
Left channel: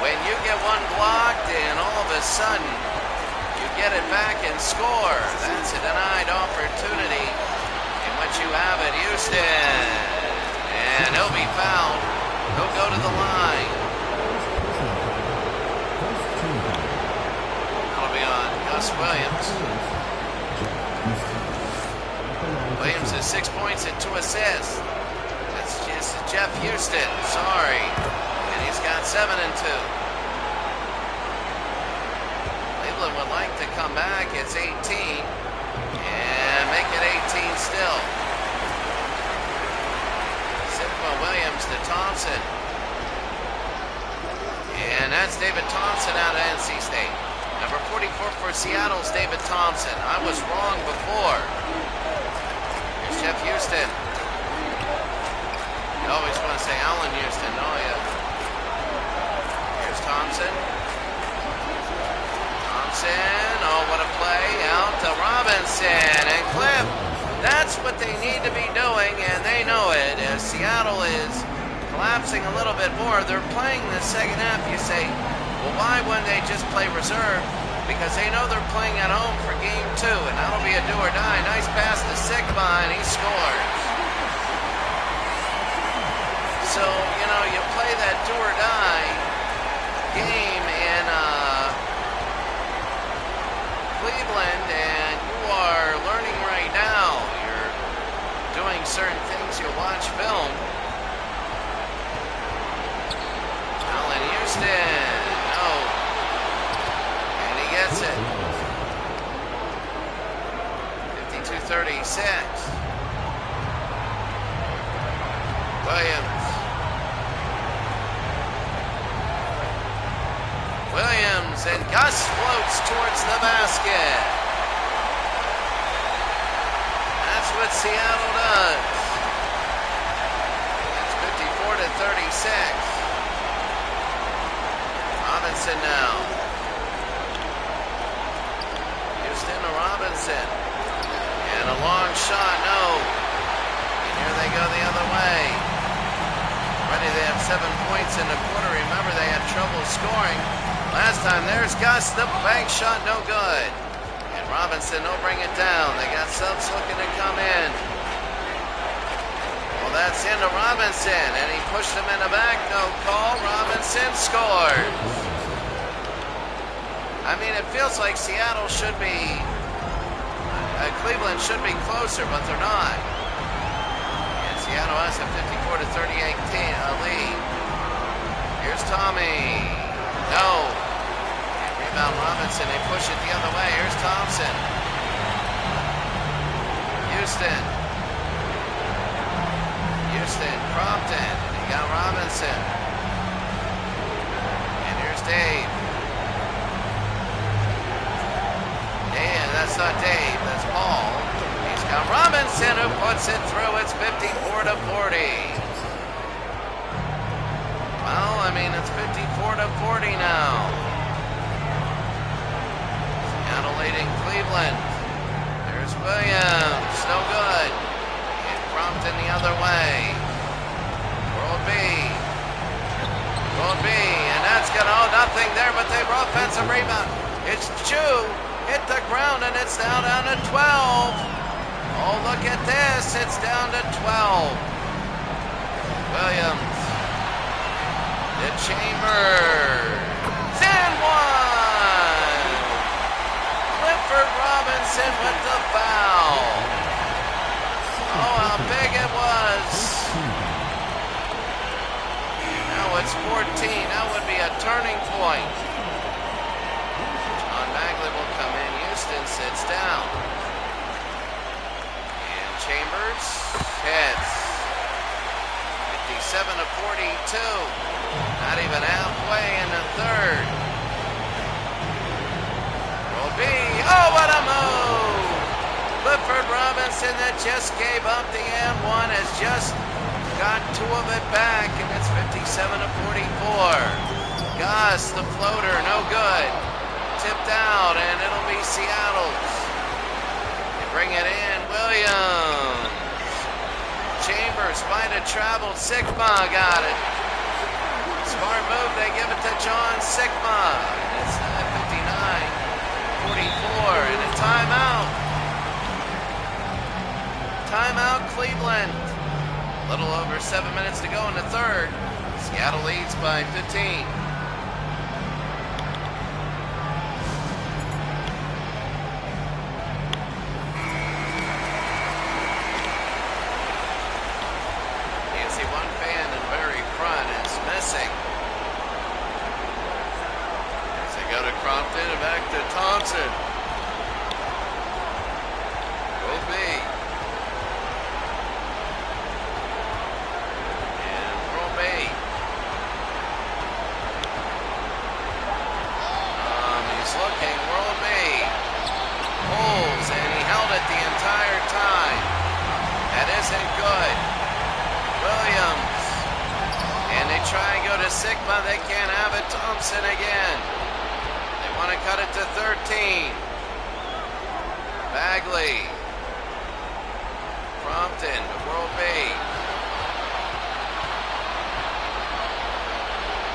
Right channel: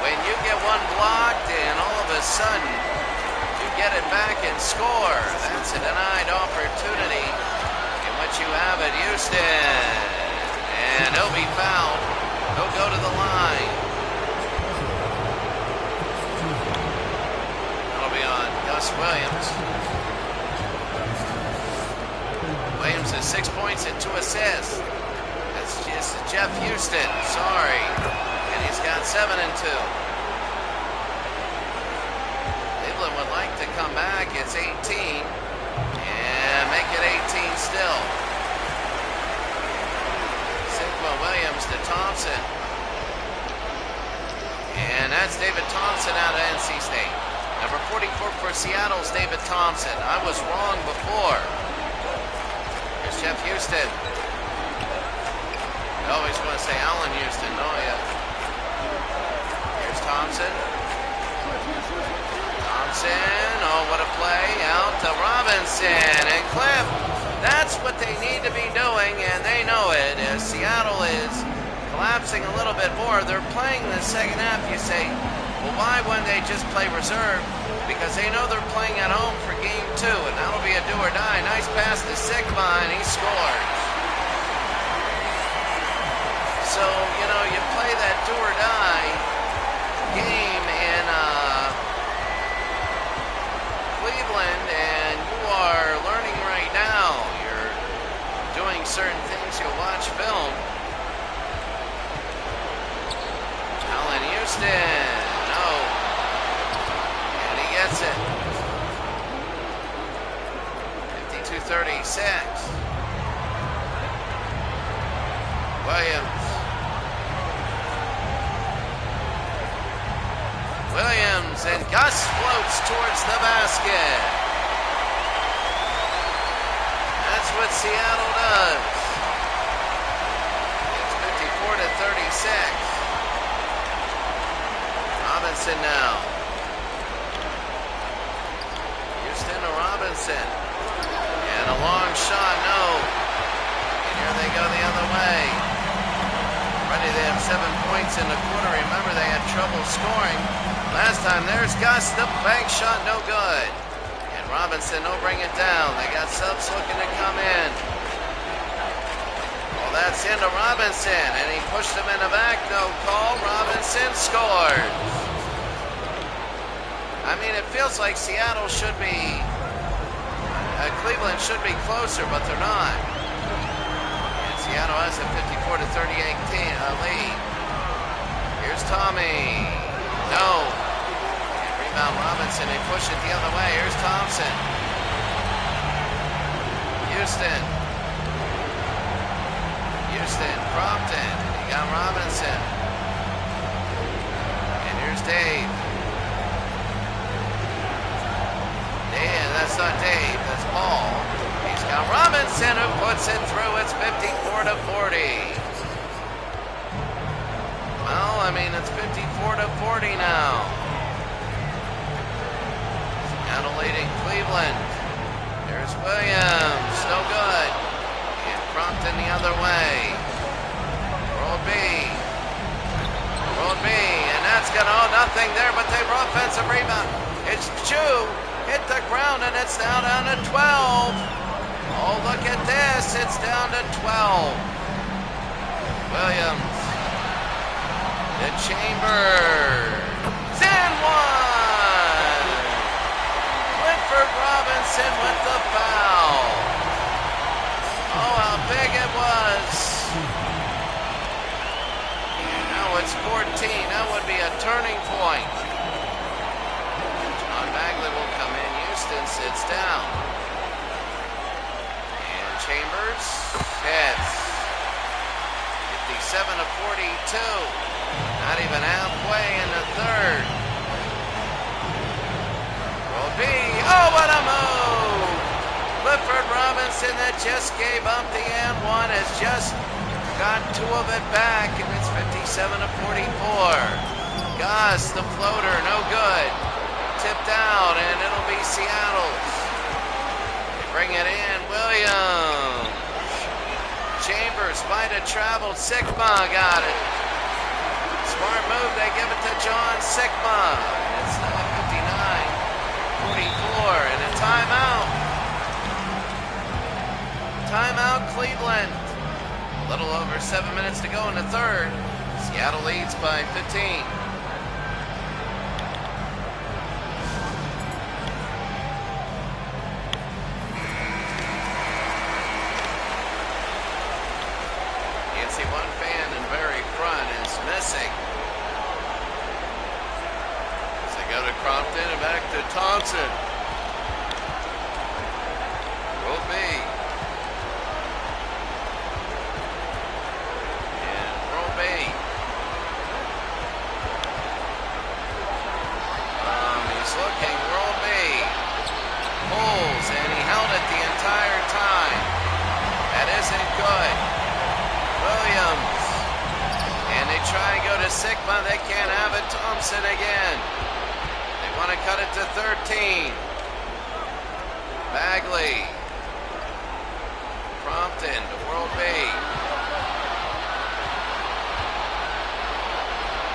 When you get one blocked and all of a sudden you get it back and score, that's a denied opportunity in which you have at Houston. And he'll be fouled. He'll go to the line. That'll be on Gus Williams. Williams has 6 points and 2 assists. That's just Jeff Houston. Sorry. And he's got 7 and 2. Cleveland would like to come back. It's 18. And make it 18 still. Sigma Williams to Thompson. And that's David Thompson out of NC State. Number 44 for Seattle's David Thompson. I was wrong before. Here's Jeff Houston. You always want to say Allen Houston, don't you? Here's Thompson. Thompson, oh, what a play. Out to Robinson and Cliff. That's what they need to be doing, and they know it. As Seattle is collapsing a little bit more, they're playing the second half. You say, well, why wouldn't they just play reserve? Because they know they're playing at home for game 2, and that'll be a do or die. Nice pass to Sigma, and he scores. So, you know, you play that do or die game in Cleveland, and you are learning right now. You're doing certain things. You'll watch film. Allen Houston, no. And he gets it. 52-36. Williams. Williams, and Gus floats towards the basket. That's what Seattle does. It's 54-36. Robinson now. Houston to Robinson. And a long shot, no. And here they go the other way. Already they have 7 points in the quarter. Remember, they had trouble scoring last time. There's Gus, the bank shot, no good. And Robinson, no, bring it down. They got subs looking to come in. Well, that's into Robinson, and he pushed him in the back, no call. Robinson scores. I mean, it feels like Seattle should be, Cleveland should be closer, but they're not. Seattle has a 54-38 lead. Here's Tommy. No. And rebound Robinson. They push it the other way. Here's Thompson. Houston. Crompton. And he got Robinson. And here's Dave. That's not Dave. That's Paul. He's got Robinson who puts it through. It's 54-40. Well, I mean, it's 54-40 now. Seattle leading Cleveland. There's Williams. No good. And Crompton the other way. World B. And that's going to, oh, nothing there, but they brought offensive rebound. It's Chu. Hit the ground, and it's down to 12. Oh, look at this. It's down to 12. Williams. The Chambers. And one. Clifford Robinson with the foul. Oh, how big it was. And now it's 14. That would be a turning point. John Bagley will come in. Houston sits down. And Chambers hits. 57-42. Not even halfway in the third. Roll B. Oh, what a move! Clifford Robinson that just gave up the and one has just got 2 of it back, and it's 57-44. Gus, the floater, no good. Tipped out, and it'll be Seattle's. They bring it in. Williams. Chambers might have traveled. Sigma got it. Smart move. They give it to John Sigma. And it's 59-44. And a timeout. Timeout, Cleveland. A little over 7 minutes to go in the third. Seattle leads by 15. See, one fan in the very front is missing. As they go to Crompton and back to Thompson. Will be. And will be. He's looking. try and go to Sigma. They can't have it. Thompson again. They want to cut it to 13. Bagley. Crompton to World B.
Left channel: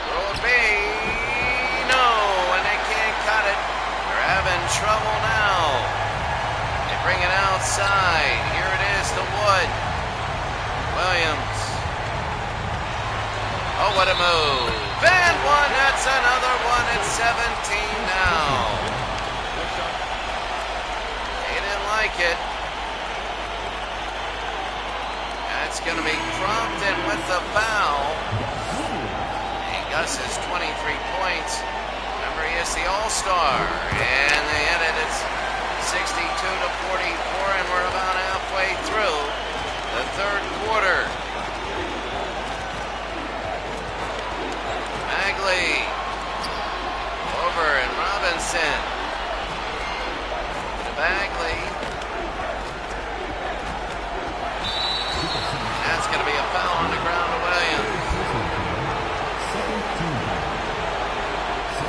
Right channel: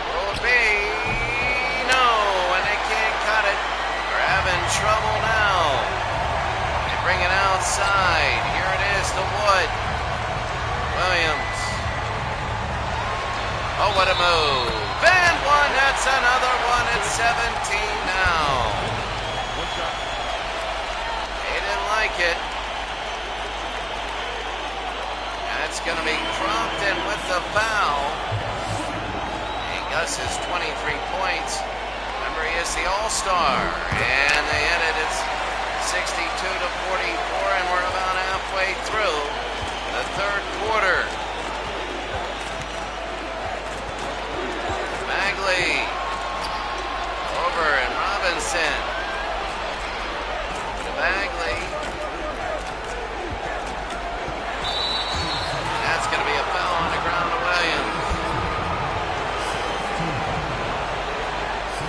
World B. No, and they can't cut it. They're having trouble now. They bring it outside. Here it is to Wood. Williams. Oh, what a move. And one. That's another one. It's 17 now. They didn't like it. That's going to be Crompton with the foul. And Gus is 23 points. Remember, he is the All-Star. And they hit it. It's 62 to 44, and we're about halfway through the third quarter. Bagley. Over and Robinson. Over to Bagley. And that's going to be a foul on the ground to Williams.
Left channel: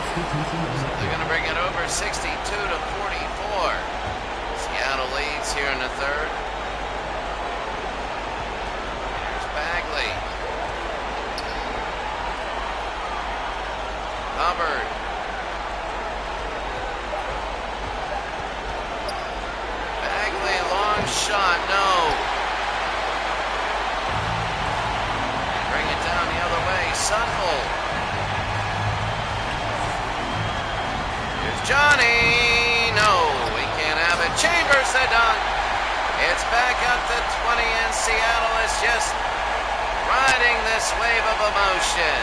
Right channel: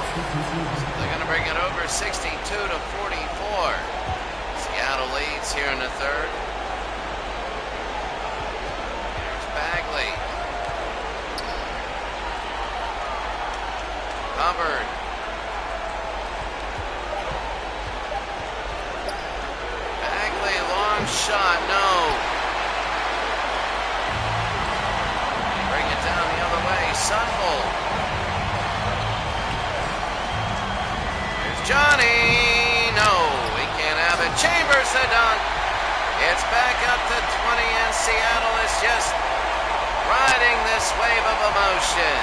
So they're going to bring it over 62 to 44. Seattle leads here in the third. Here's Bagley. Hubbard. Bagley, long shot, no. They bring it down the other way. Sunvolt. Here's Johnny. No, he can't have it. Chambers the dunk. It's back up to 20, and Seattle is just riding this wave of emotion.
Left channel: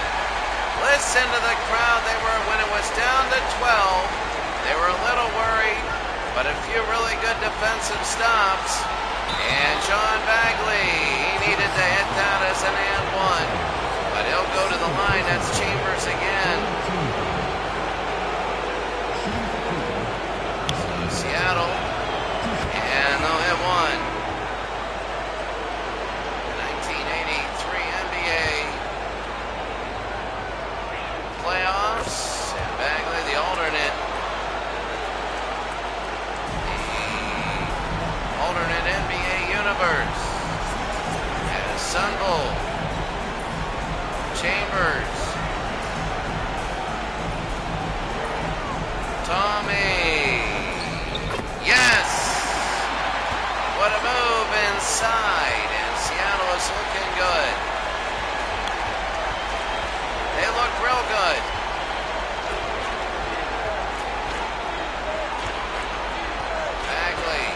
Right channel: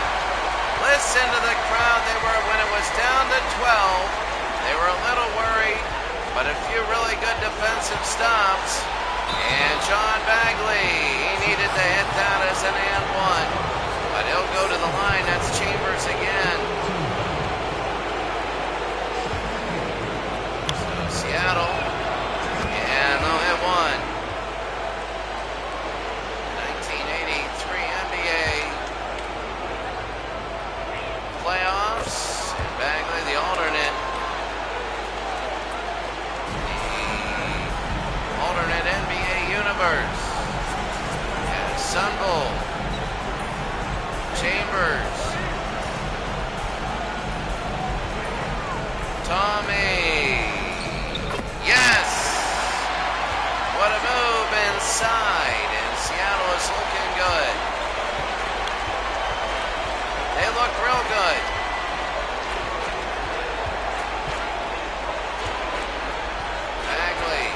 Listen to the crowd. They were, when it was down to 12, they were a little worried, but a few really good defensive stops. And John Bagley, he needed to hit that as an and one, but he'll go to the line. That's Chambers again. So Seattle, and they'll hit one. 1983 NBA playoffs, and Bagley, the alternate. The alternate NBA universe. As Sunvolt. Chambers. Tommy. Yes! What a move inside, and Seattle is looking good. They look real good. Bagley.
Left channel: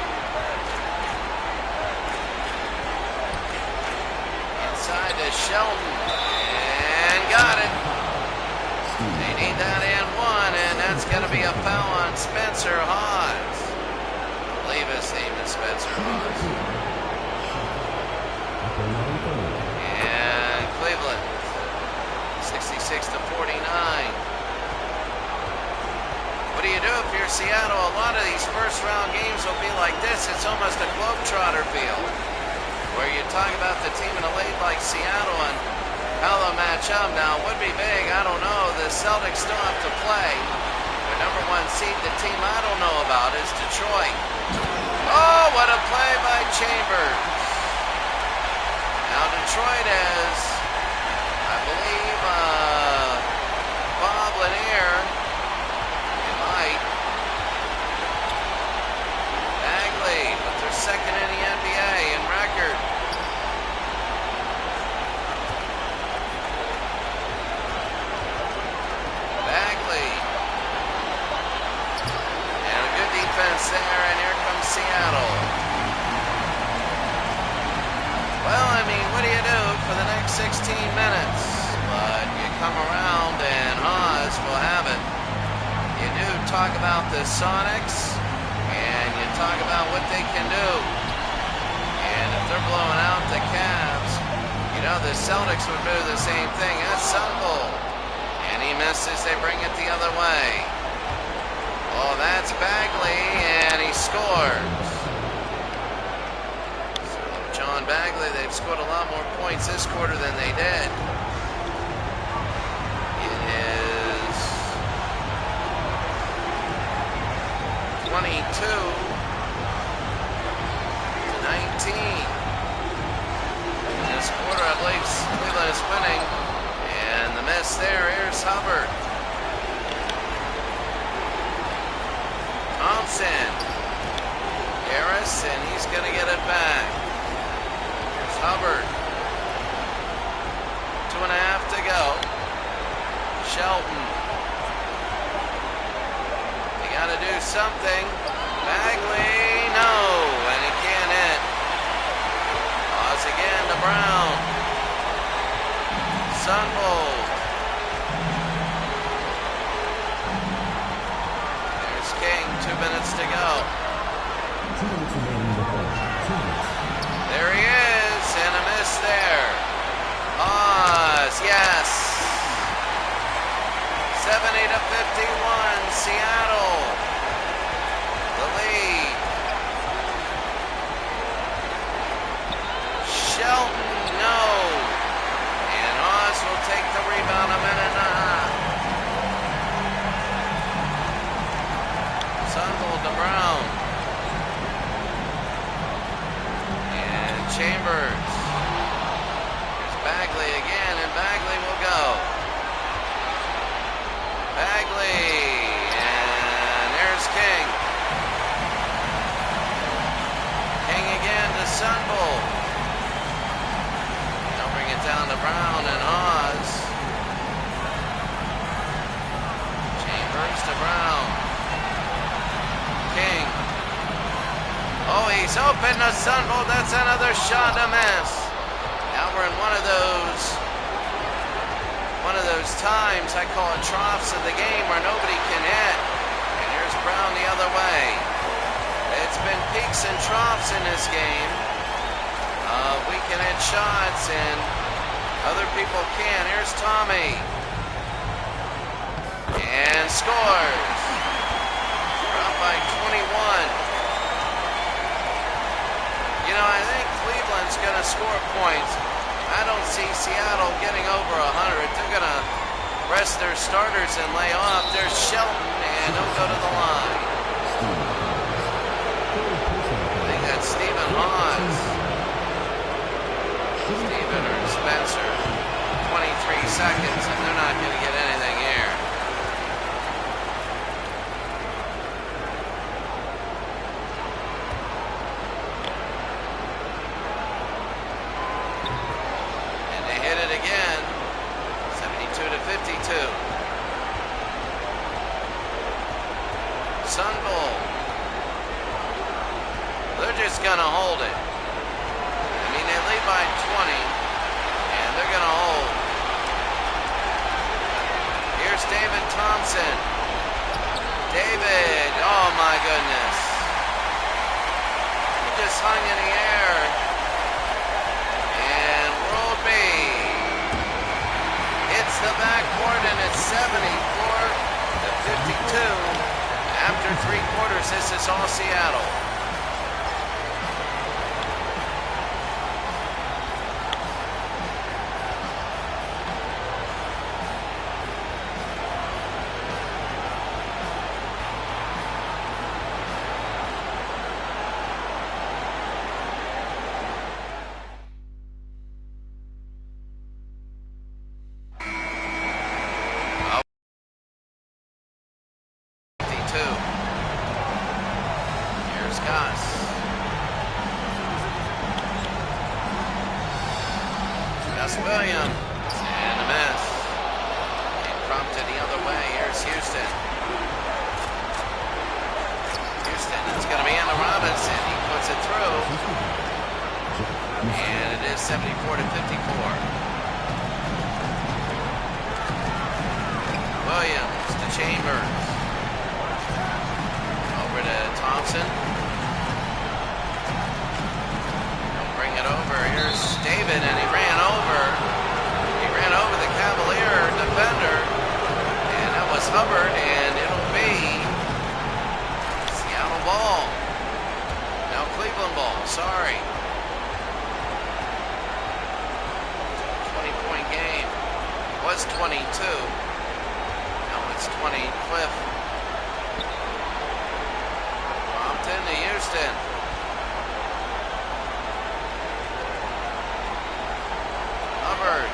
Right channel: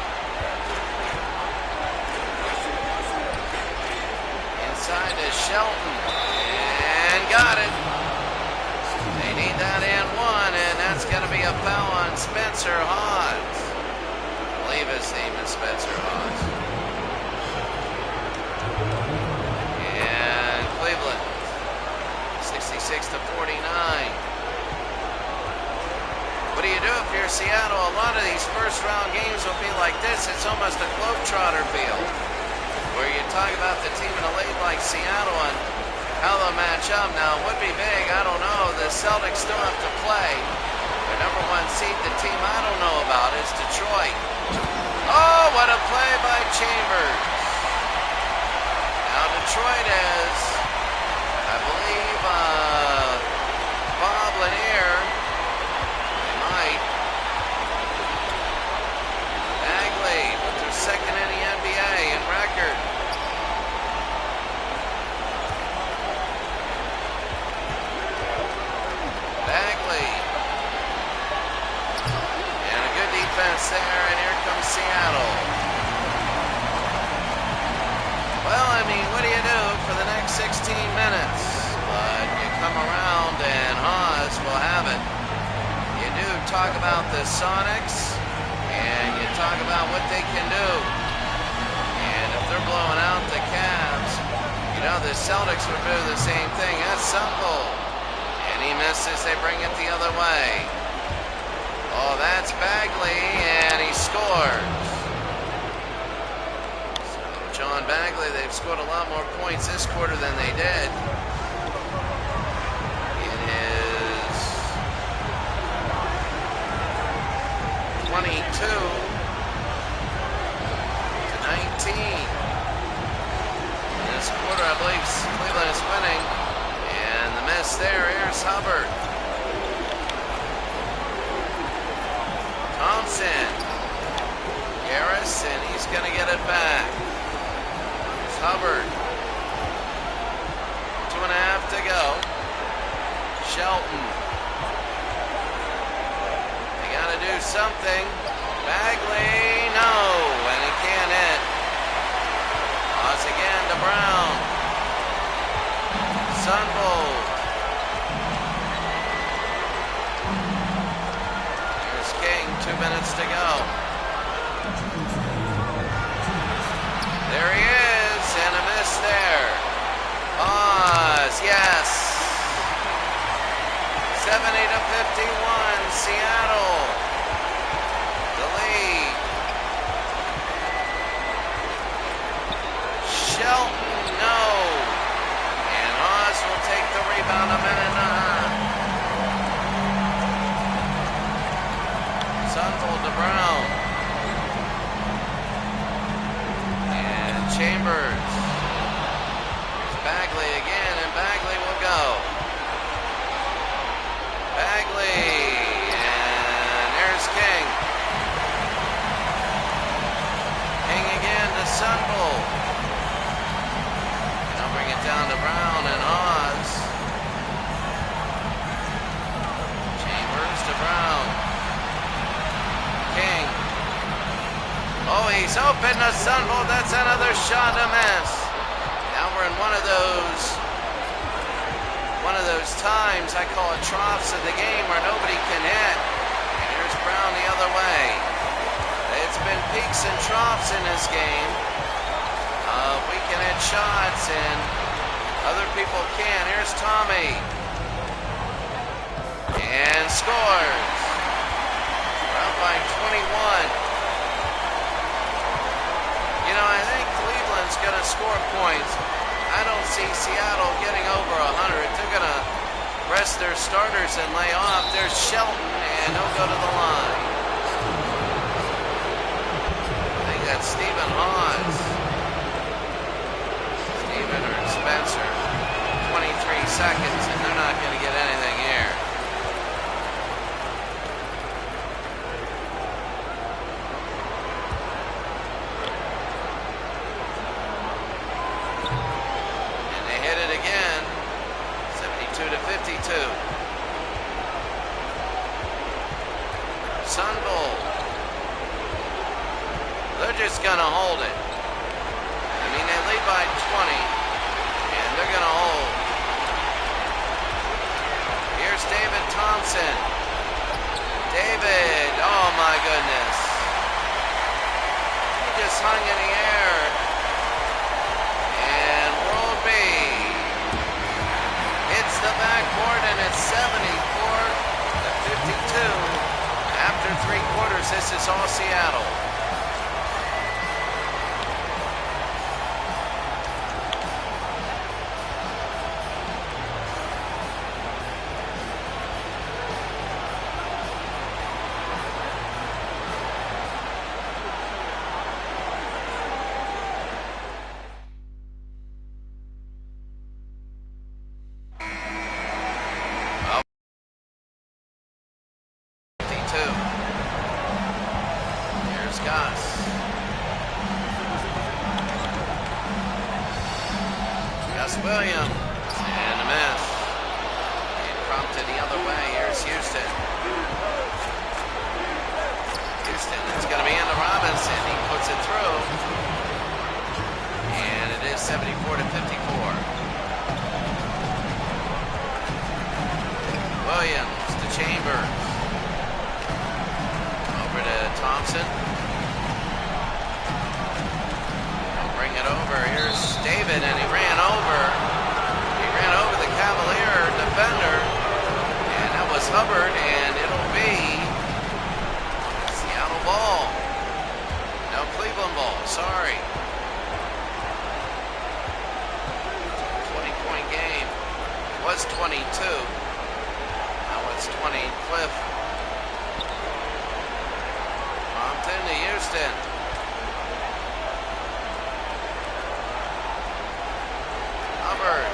Inside to Shelton. And got it. They need that and one, and that's going to be a foul on Spencer Hawes. I believe his name is Spencer Hawes. And Cleveland. 66 to 49. What do you do if you're Seattle? A lot of these first round games will be like this. It's almost a Globetrotter feel, where you talk about the team in a league like Seattle and how they'll match up. Now, it would be big. I don't know. The Celtics still have to play. Their number one seed, the team I don't know about, is Detroit. Oh, what a play by Chambers. Now, Detroit has, I believe, Bob Lanier. They might. Bagley, but they're second in the NBA in record. Bagley. And a good defense there, and here comes Seattle. Well, I mean, what do you do for the next 16 minutes? But you come around and Hawes will have it. You do talk about the Sonics, and you talk about what they can do. And if they're blowing out the Cavs, you know, the Celtics would do the same thing. That's Sunvolt. And he misses, they bring it the other way. Oh, that's Bagley, and he scores. So, John Bagley, they've scored a lot more points this quarter than they did. is 22-19. In this quarter, I believe Cleveland is winning. And the miss there. Here's Hubbard. Thompson. Harris, and he's going to get it back. Here's Hubbard. 2.5 to go. Shelton. They got to do something. Bagley, no, and he can't hit. Pause again to Brown. Sunvold. There's King, 2 minutes to go. There he is, and a miss there. Pause, yes. 70-51, Seattle. The lead. Shelton, no. And Oz will take the rebound, a minute and a half. Sunvold to Brown. And Chambers. Here's Bagley again, and Bagley will go. Bagley, and there's King. King again to Sunvold. And they'll bring it down to Brown and Oz. Chambers to Brown. King. Oh, he's open to Sunvold. That's another shot to miss. Now we're in one of those times I call it troughs of the game where nobody can hit. And here's Brown the other way. It's been peaks and troughs in this game. We can hit shots and other people can't. Here's Tommy. And scores. We're up by 21. You know, I think Cleveland's going to score points. I don't see Seattle getting over 100. They're going to rest their starters and lay off. There's Shelton, and he'll go to the line. I think that's Stephen Hawes. Stephen or Spencer. 23 seconds, and they're not going to get anything here. Hit it again, 72-52. Sunvold. They're just going to hold it. I mean, they lead by 20, and they're going to hold. Here's David Thompson. David, oh my goodness. He just hung in the air. And World B hits the backboard, and it's 74-52. After 3 quarters, this is all Seattle. Here's Goss. Gus Williams, and a miss. And prompted the other way. Here's Houston. Houston, it's going to be into Robinson. He puts it through. And it is 74-54. Williams to Chambers. Over to Thompson. They'll bring it over. Here's David, and he ran over the Cavalier defender. And that was Hubbard, and it'll be Seattle ball. No, Cleveland ball, sorry. 20-point game. It was 22. it's 20. Cliff. Compton to Houston. Hubbard.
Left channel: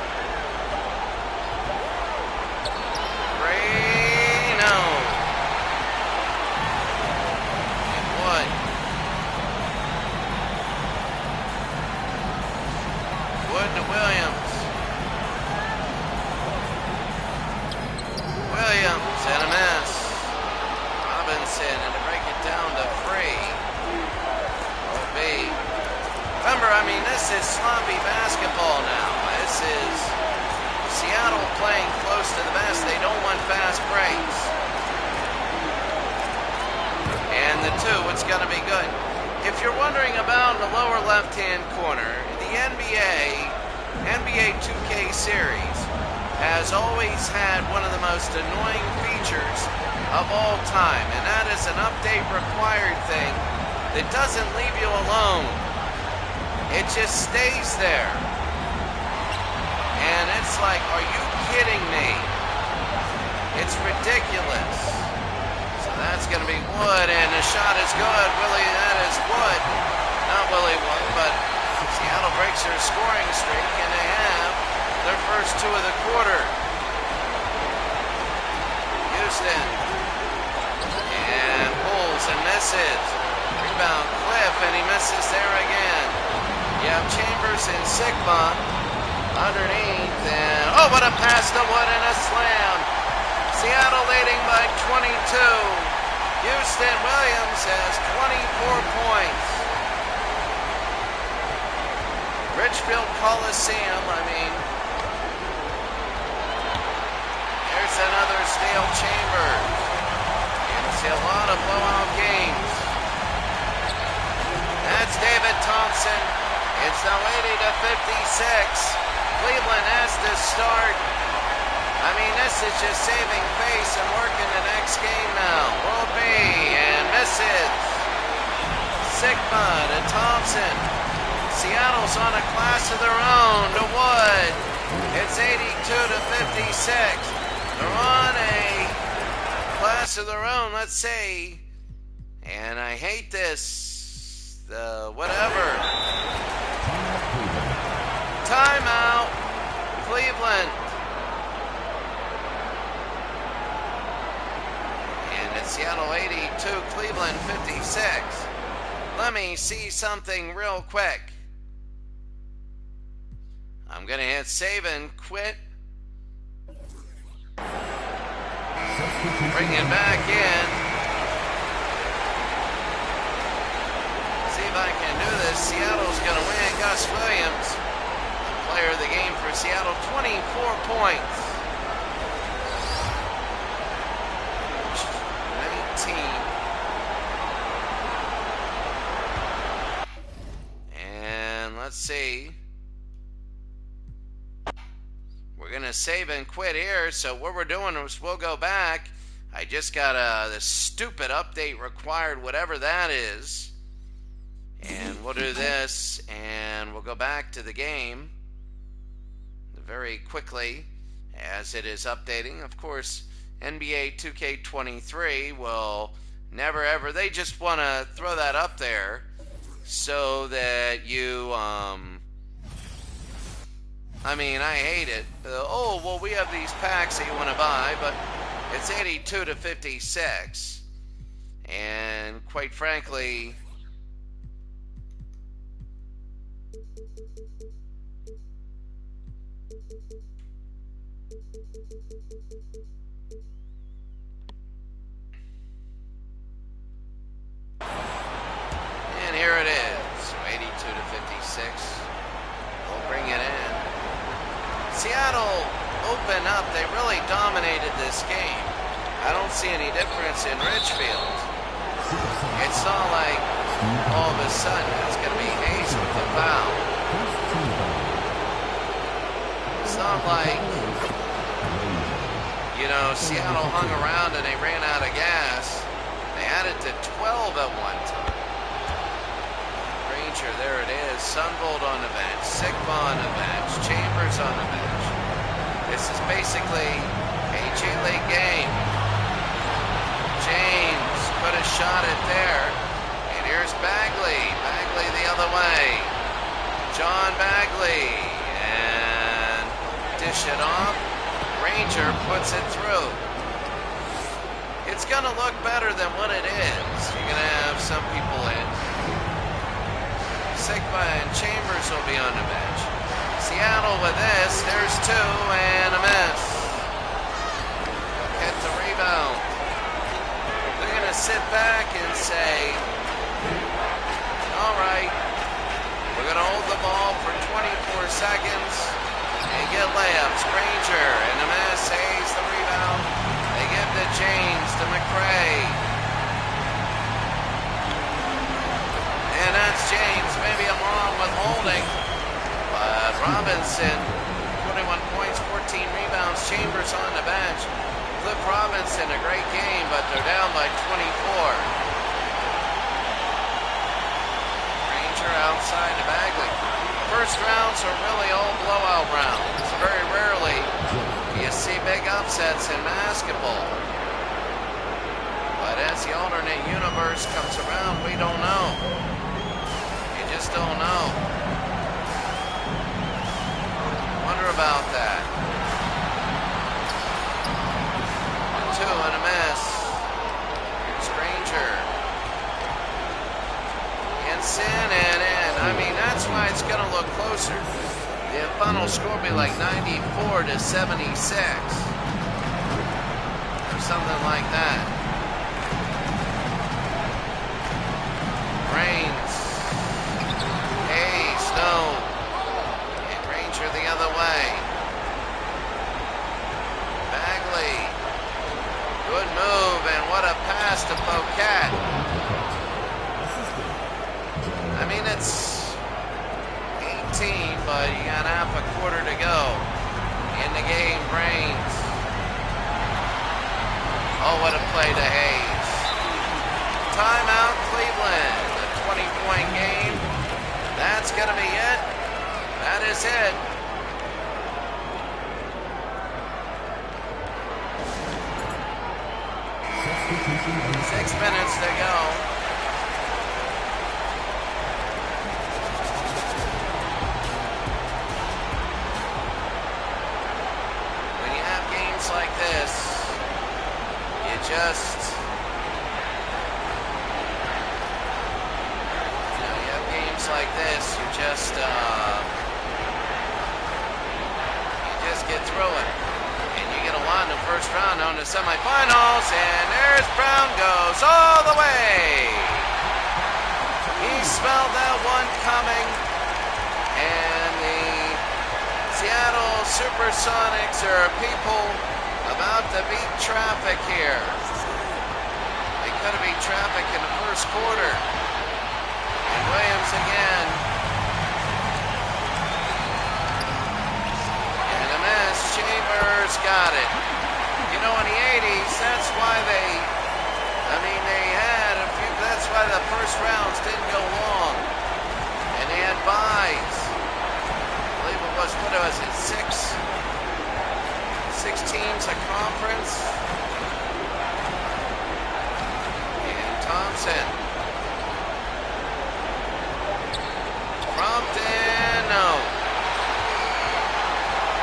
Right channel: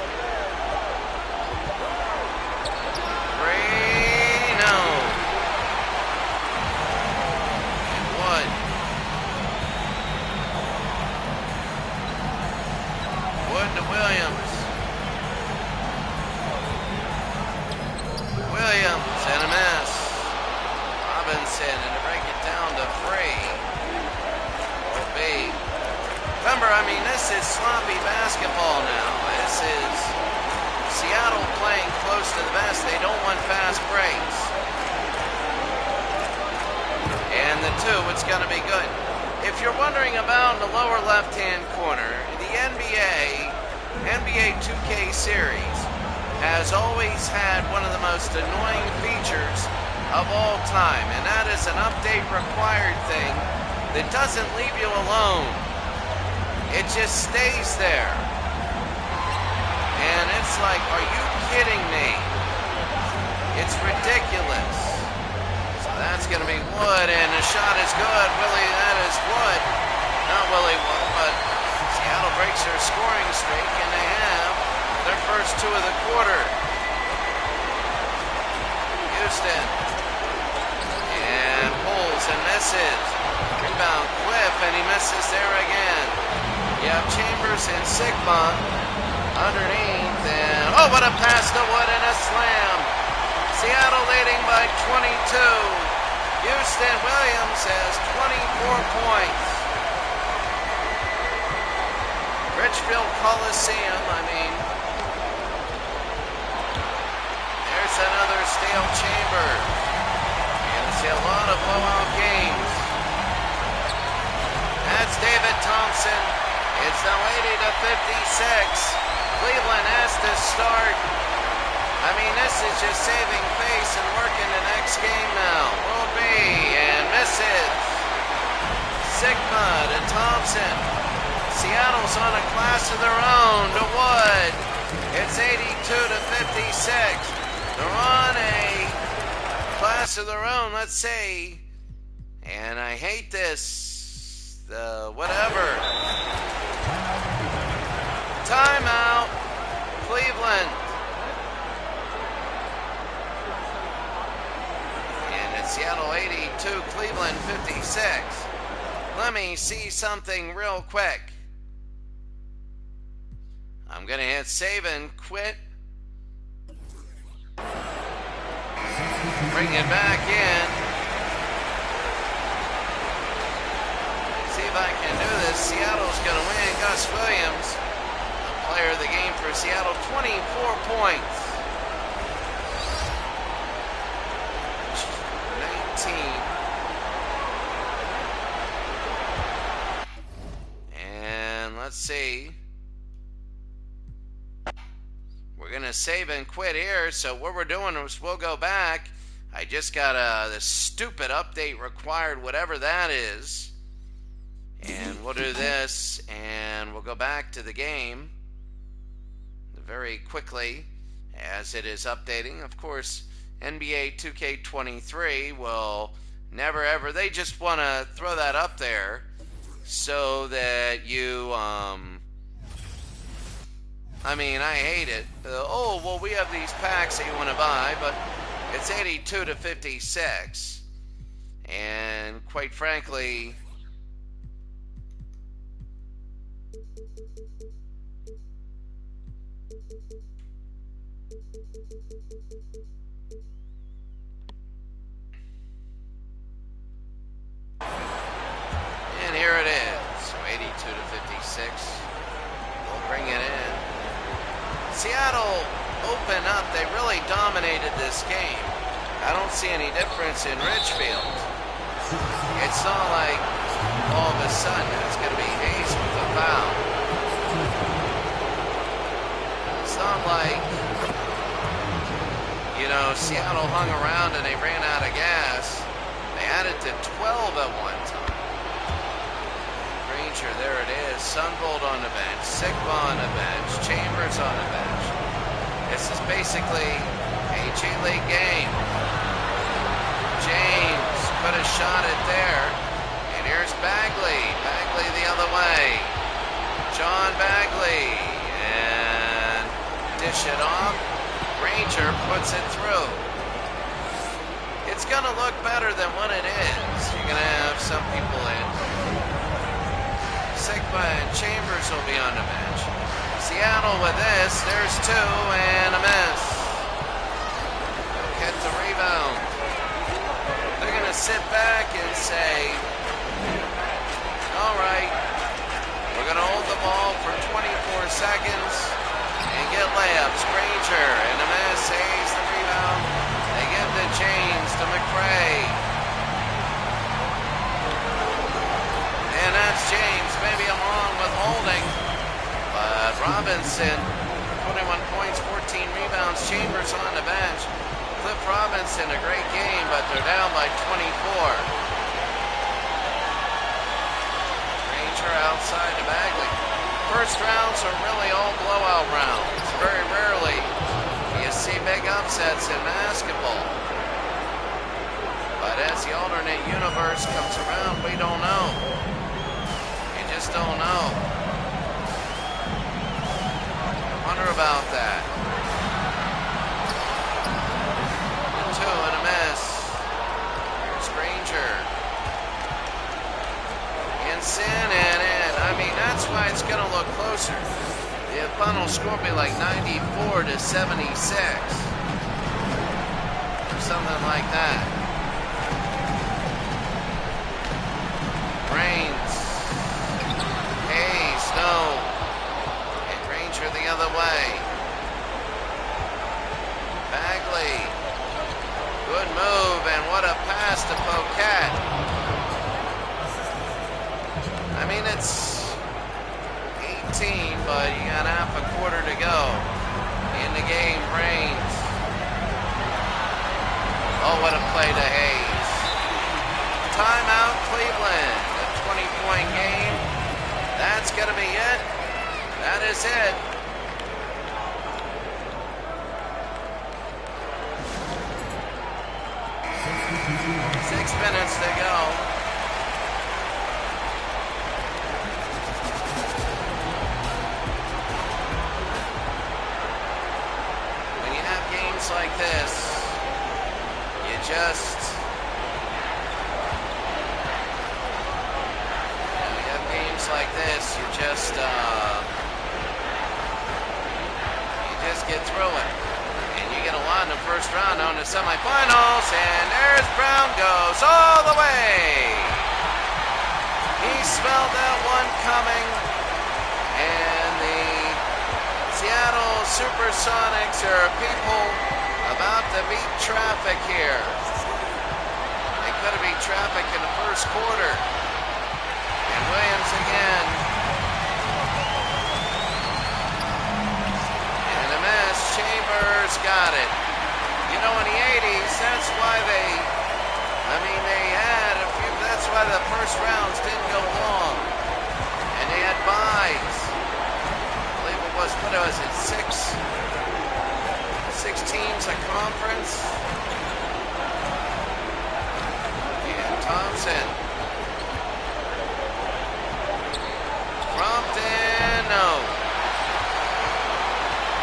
Reno. And Wood. Wood to Williams. Williams and a miss. Robinson, and to break it down to Free. Will be. Remember, I mean, this is sloppy basketball now. This is Seattle playing close to the best. They don't want fast breaks. And the two, it's going to be good. If you're wondering about in the lower left-hand corner, the NBA 2K series has always had one of the most annoying features of all time, and that is an update required thing that doesn't leave you alone. It just stays there. And it's like, are you kidding me? It's ridiculous. So that's going to be Wood, and the shot is good. Willie, that is Wood. Not Willie Wood, but Seattle breaks their scoring streak, and they have their first two of the quarter. Houston. And pulls and misses. Rebound Cliff, and he misses there again. You have Chambers and Sigma underneath, and oh, what a pass to Wood and a slam. Seattle leading by 22. Houston Williams has 24 points. Richfield Coliseum, I mean, there's another Stale Chambers. You're going to see a lot of blowout games. That's David Thompson. It's now 80 to 56. Cleveland has to start. I mean, this is just saving face and working the next game now. World B, and misses. Sigma to Thompson. Seattle's on a class of their own to Wood. It's 82 to 56. They're on a class of their own, let's say. And I hate this. Whatever. Timeout. Cleveland. And it's Seattle 82, Cleveland 56. Let me see something real quick. I'm going to hit save and quit. Bring it back in. See if I can do this. Seattle's going to win. Gus Williams, the player of the game for Seattle, 24 points. 19. And let's see. We're going to save and quit here. So what we're doing is we'll go back. I just got this stupid update required, whatever that is. And we'll do this, and we'll go back to the game very quickly as it is updating. Of course, NBA 2K23 will never ever, they just want to throw that up there so that you, I mean, I hate it. Oh, well, we have these packs that you want to buy, but it's 82 to 56. And quite frankly, and here it is. So 82 to 56. They'll bring it in. Seattle opened up. They really dominated this game. I don't see any difference in Ridgefield. It's not like all of a sudden it's going to be Hayes with the foul. It's not like, you know, Seattle hung around and they ran out of gas. They added to 12 at one time. Granger, there it is. Sunvolt on the bench. Sigma on the bench. Chambers on the bench. This is basically a G League game. James could have shot it there. And here's Bagley. Bagley the other way. John Bagley. And dish it off. Ranger puts it through. It's going to look better than what it is. You're going to have some people in. Sigma and Chambers will be on the bench. Seattle with this. There's two and a miss. They'll get the rebound. They're going to sit back and say, all right, we're going to hold the ball for 24 seconds and get layups. Granger and a miss. Hayes the rebound. They give to James, to McRae. And that's James. Maybe I'm wrong with holding. But Robinson, 21 points, 14 rebounds. Chambers on the bench. Cliff Robinson, a great game, but they're down by 24. Ranger outside to Bagley. First rounds are really all blowout rounds. Very rarely do you see big upsets in basketball. But as the alternate universe comes around, we don't know. You just don't know. Wonder about that. The two and a miss. Here's Granger. Sin and in. I mean, that's why it's going to look closer. The final score will be like 94 to 76. Or something like that. Reigns. Hayes, no. And Ranger the other way. Bagley. Good move, and what a pass to Pocat. I mean, it's 18, but you got half a quarter to go in the game. Reigns. Oh, what a play to Hayes. Timeout, Cleveland. A 20-point game. That's going to be it. That is it. Six minutes to go. Like this, you just, you have games like this, you just get through it, and you get a lot in the first round on the semifinals, and there's Brown goes all the way. He smelled that one coming, and the Seattle Supersonics are people about to beat traffic here. They could have beat traffic in the first quarter. And Williams again. And a miss. Chambers got it. You know, in the 80s, that's why they had a few, that's why the first rounds didn't go long. And they had buys. I believe it was, what was it, six teams a conference. And Thompson. Crompton, no.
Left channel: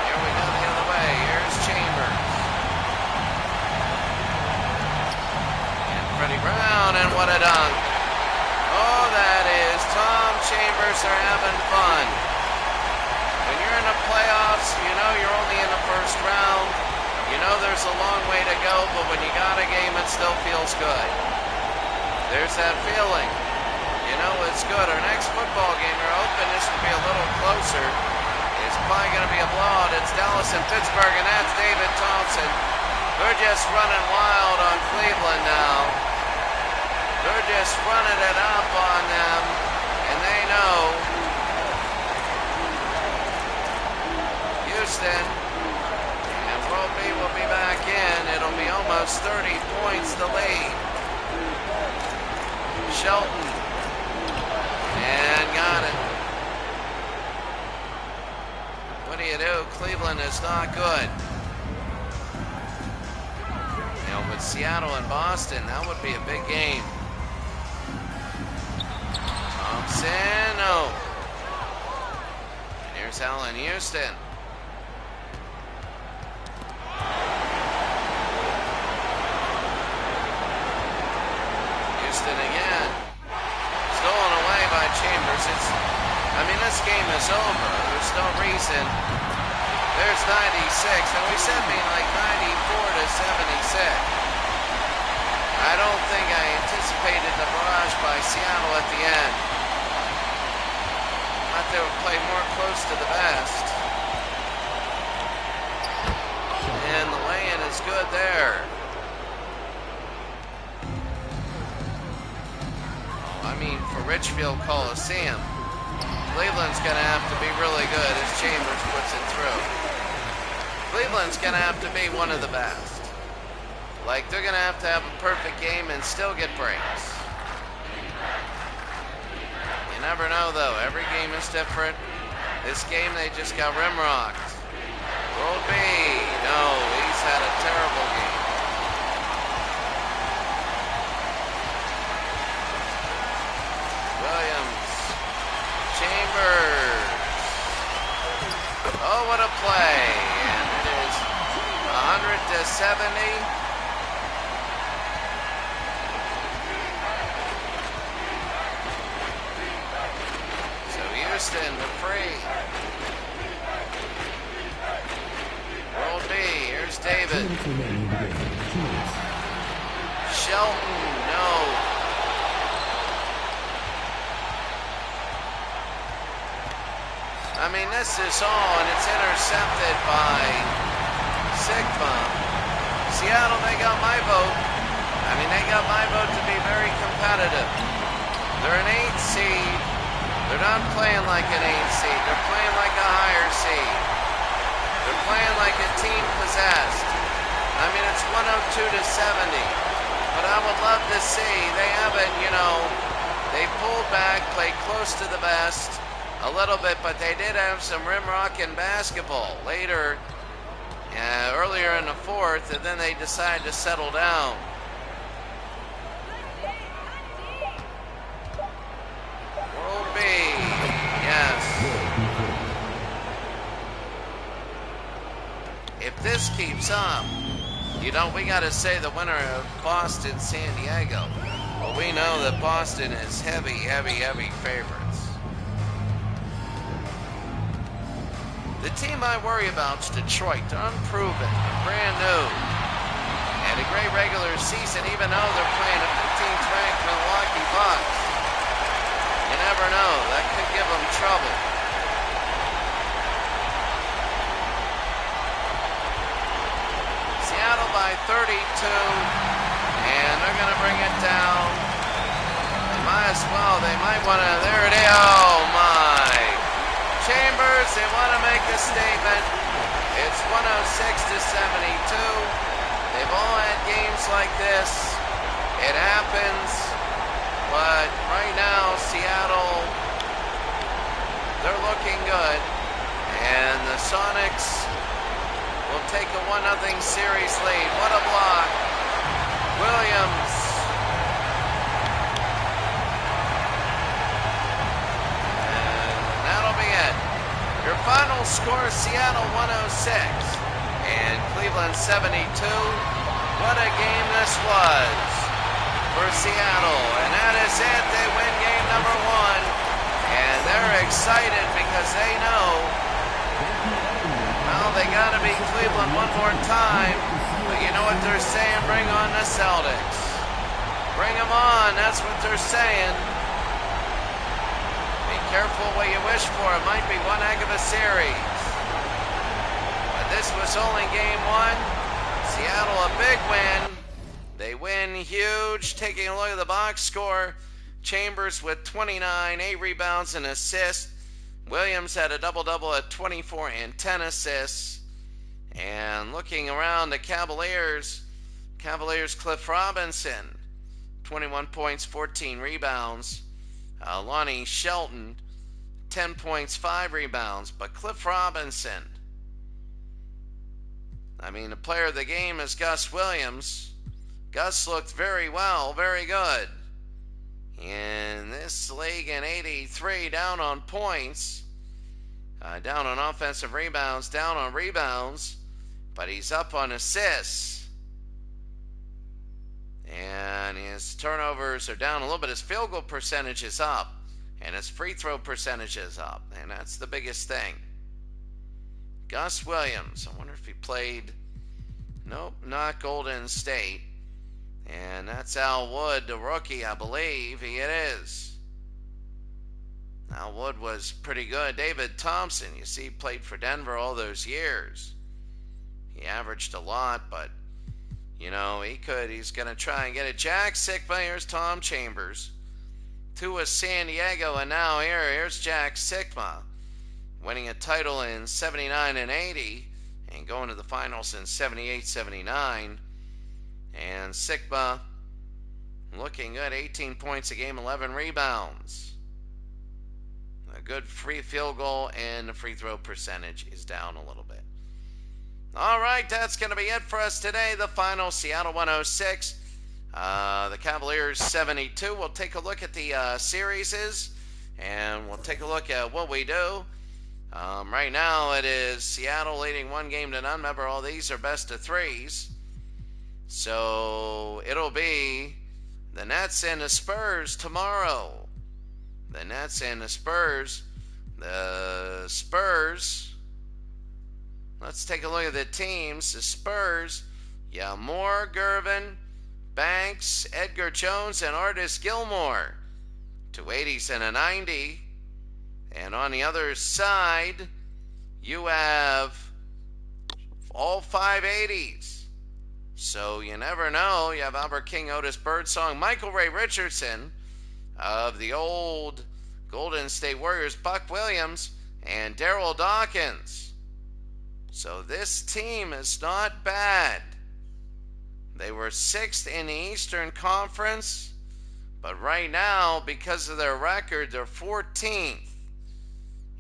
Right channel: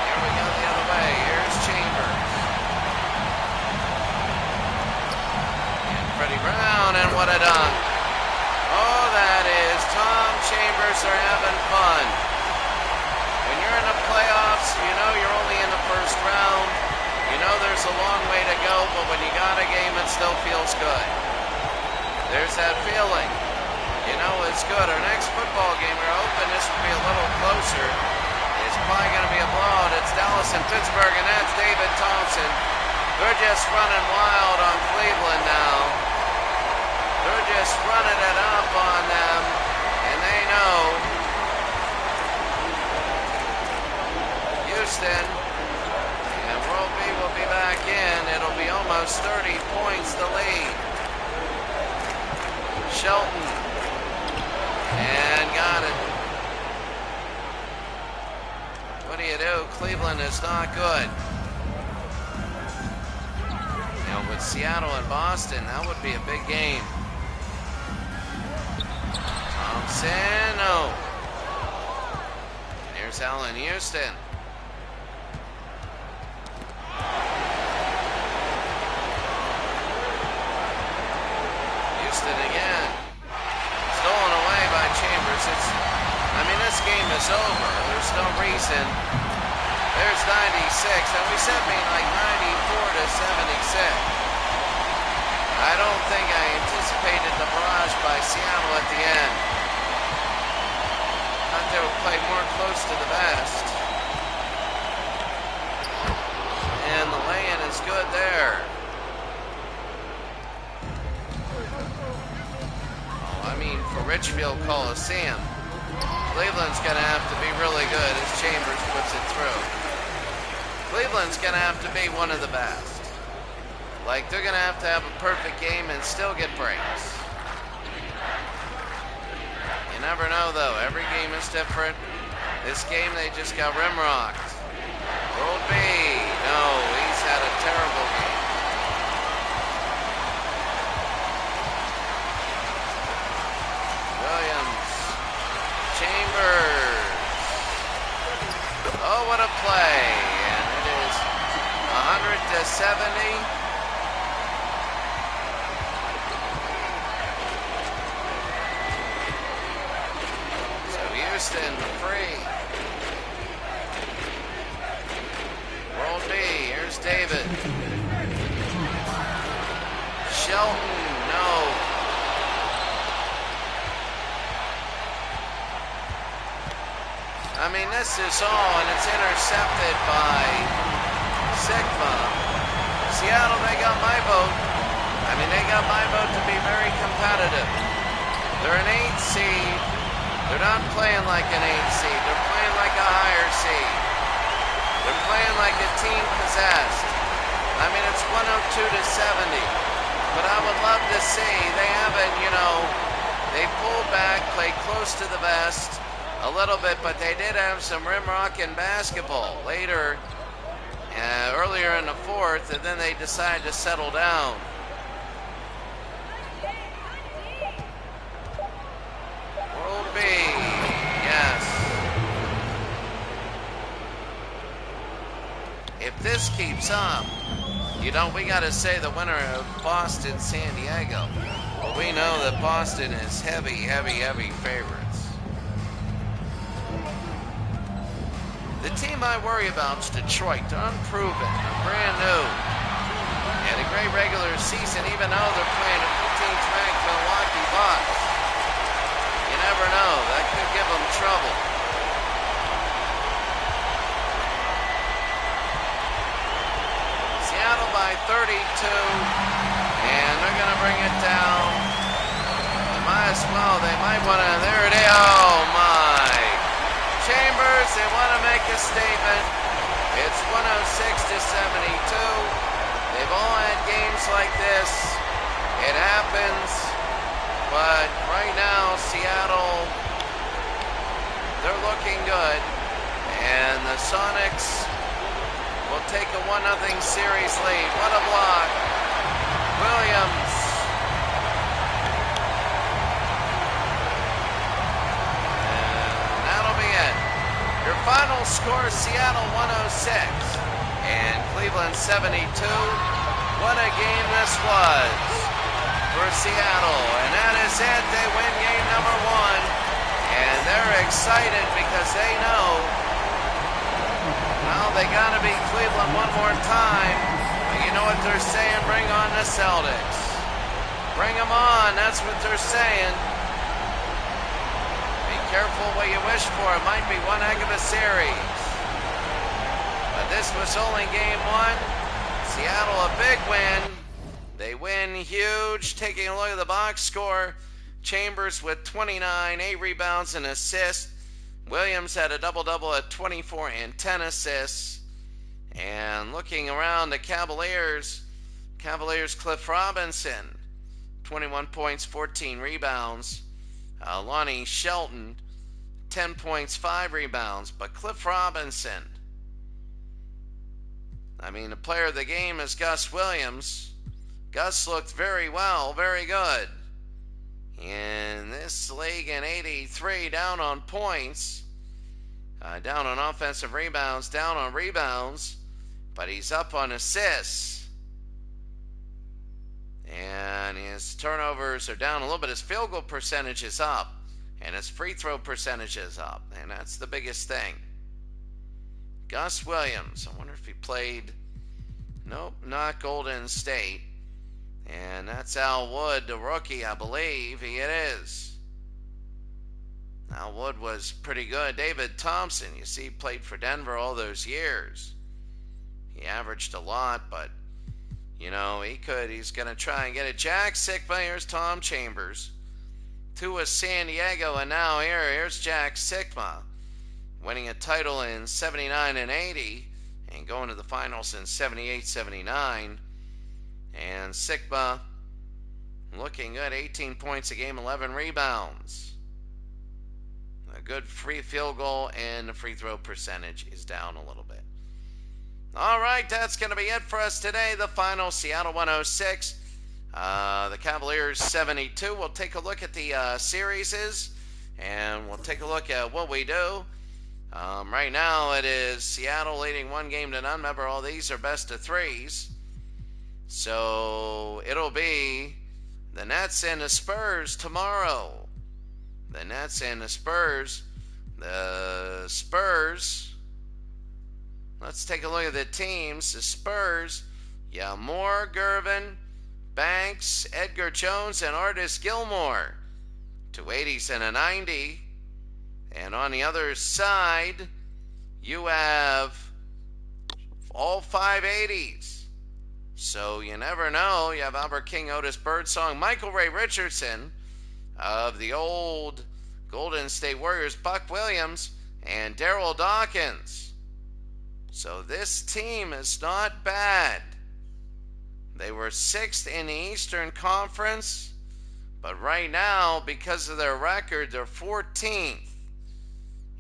Here we go the other way. Here's Chambers. And Freddie Brown, and what a dunk. Oh, that is Tom Chambers are having fun. When you're in the playoffs, you know you're only in the first round. You know there's a long way to go, but when you got a game, it still feels good. There's that feeling. You know it's good. Our next football game, we're hoping this will be a little closer. It's probably going to be a blowout. It's Dallas and Pittsburgh, and that's David Thompson. They're just running wild on Cleveland now. They're just running it up on them, and they know Houston, and World B will be back in. It'll be almost 30 points to lead. Shelton, and got it. What do you do? Cleveland is not good. With Seattle and Boston, that would be a big game. Thompson, no. And here's Allen Houston. Houston again. Stolen away by Chambers. This game is over. There's no reason. There's 96, and we said like 94 to 76. I don't think I anticipated the barrage by Seattle at the end. Thought they would play more close to the vest. And the lay-in is good there. For Richfield Coliseum, Cleveland's going to have to be really good as Chambers puts it through. Cleveland's going to have to be one of the best. They're going to have a perfect game and still get breaks. You never know, though. Every game is different. This game, they just got rimrocked. World B, no, he's had a terrible game. Williams, Chambers. Oh, what a play. And it is 100 to 70. So Houston, the free. World B, here's David. Shelton, no. This is all, and it's intercepted by Sigma. Seattle, they got my vote. They got my vote to be very competitive. They're an 8 seed. They're not playing like an 8 seed. They're playing like a higher seed. They're playing like a team possessed. It's 102 to 70. But I would love to see, they haven't, they pulled back, played close to the vest a little bit, but they did have some rim-rocking basketball earlier in the fourth, and then they decided to settle down. World B, yes. If this keeps up, we got to say the winner of Boston, San Diego. Well, we know that Boston is heavy favorites. The team I worry about is Detroit. They're unproven. They're brand new. And a great regular season, even though they're playing a 15th ranked Milwaukee Bucks. You never know. That could give them trouble. Seattle by 32. And they're going to bring it down. They might as well. They might want to. There it is. Oh, my. Chambers, they want to make a statement. It's 106 to 72. They've all had games like this. It happens. But right now, Seattle, they're looking good. And the Sonics will take a 1-0 series lead. What a block. Williams. That'll be it. Your final score, Seattle 106 and Cleveland 72. What a game this was for Seattle. And that is it. They win game number 1. And they're excited because they know, well, they got to beat Cleveland one more time. But you know what they're saying? Bring on the Celtics. Bring them on. That's what they're saying. Careful what you wish for. It might be one heck of a series. But this was only game 1. Seattle a big win. They win huge. Taking a look at the box score. Chambers with 29, 8 rebounds and assists. Williams had a double-double at 24 and 10 assists. And looking around the Cavaliers Cliff Robinson, 21 points, 14 rebounds. Lonnie Shelton, 10 points, 5 rebounds. But Cliff Robinson, the player of the game is Gus Williams. Gus looked very well, very good. In this league in 83, down on points, down on offensive rebounds, down on rebounds, but he's up on assists. And his turnovers are down a little bit. His field goal percentage is up, and his free throw percentage is up, and that's the biggest thing. Gus Williams, I wonder if he played. Nope, not Golden State. And that's Al Wood, the rookie, I believe. It is. Al Wood was pretty good. David Thompson, you see, played for Denver all those years. He averaged a lot, but, you know, he's going to try and get it. Jack Sikma, here's Tom Chambers. Two was San Diego, and now here's Jack Sikma, winning a title in 79 and 80, and going to the finals in 78, 79. And Sikma looking good, 18 points a game, 11 rebounds. A good free field goal, and the free throw percentage is down a little bit. All right, that's going to be it for us today. The final, Seattle 106, the Cavaliers 72. We'll take a look at the series, and we'll take a look at what we do. Right now, it is Seattle leading 1-0 to none. Remember, all these are best of threes. So it'll be the Nets and the Spurs tomorrow. The Nets and the Spurs. The Spurs, let's take a look at the teams. The Spurs, Moore, Gervin, Banks, Edgar Jones, and Artis Gilmore. 2 80s and a 90. And on the other side, you have all 5 80s. So you never know. You have Albert King, Otis Birdsong, Michael Ray Richardson of the old Golden State Warriors, Buck Williams, and Darryl Dawkins. So this team is not bad. They were 6th in the Eastern Conference, but right now, because of their record, they're 14th.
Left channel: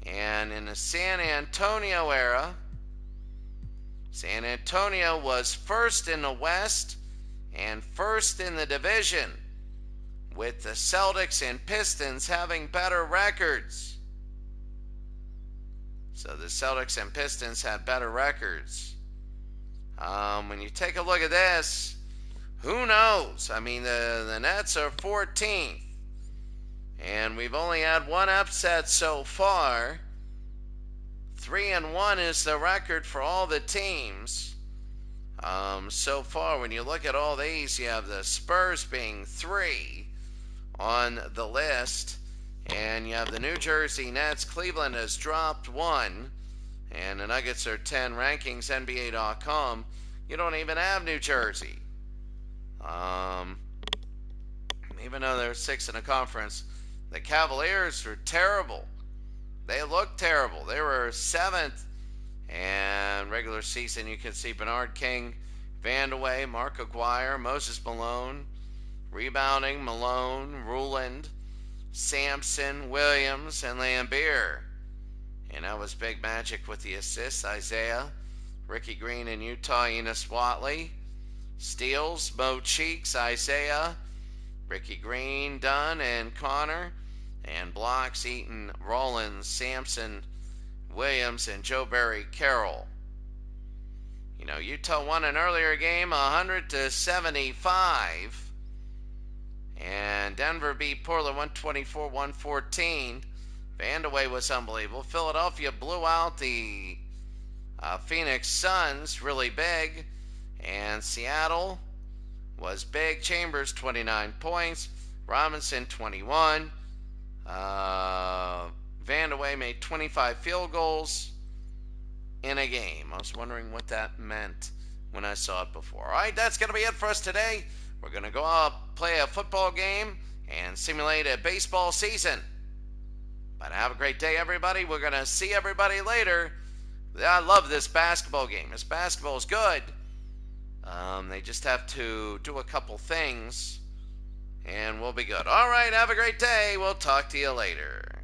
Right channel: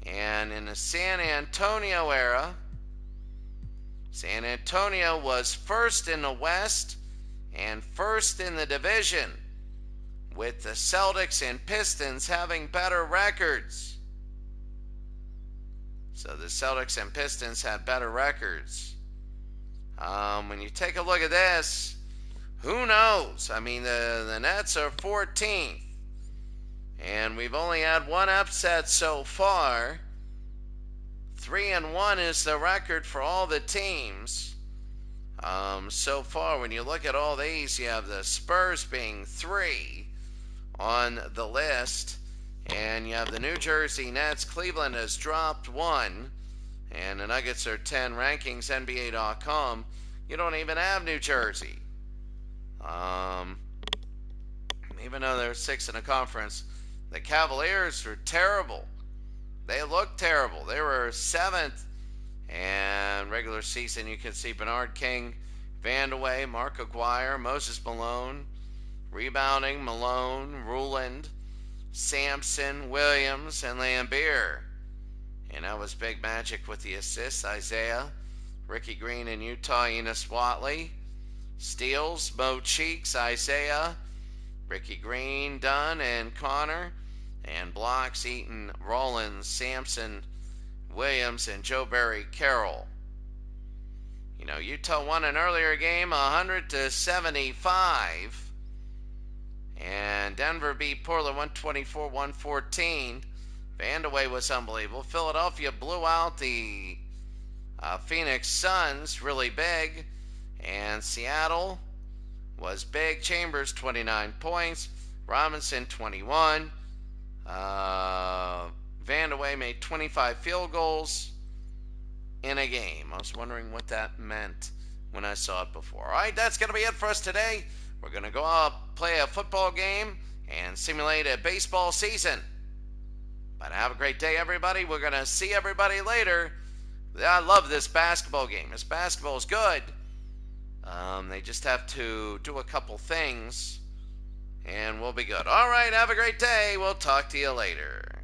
And in the San Antonio era, San Antonio was 1st in the West and 1st in the division, with the Celtics and Pistons having better records. So the Celtics and Pistons had better records. When you take a look at this, who knows? I mean, the Nets are 14th, and we've only had one upset so far. 3-1 is the record for all the teams so far. When you look at all these, you have the Spurs being 3 on the list, and you have the New Jersey Nets. Cleveland has dropped 1, and the Nuggets are 10. Rankings, NBA.com. You don't even have New Jersey. Even though they're 6th in the conference, the Cavaliers are terrible. They look terrible. They were 7th, and regular season you can see Bernard King, Vandeweghe, Mark Aguirre, Moses Malone, rebounding Malone, Ruland, Sampson, Williams, and Lambeer. And that was big magic with the assists. Isaiah, Ricky Green in Utah, Enos Watley, steals, Mo Cheeks, Isaiah, Ricky Green, Dunn, and Connor. And blocks, Eaton, Rollins, Sampson, Williams, and Joe Barry Carroll. You know, Utah won an earlier game 100-75. And Denver beat Portland 124-114. Vandeweghe was unbelievable. Philadelphia blew out the Phoenix Suns really big. And Seattle was big. Chambers, 29 points. Robinson, 21. Vandeweghe made 25 field goals in a game. I was wondering what that meant when I saw it before. All right, that's going to be it for us today. We're going to go out, play a football game, and simulate a baseball season. But have a great day, everybody. We're going to see everybody later. I love this basketball game. This basketball is good. They just have to do a couple things, and we'll be good. All right, have a great day. We'll talk to you later.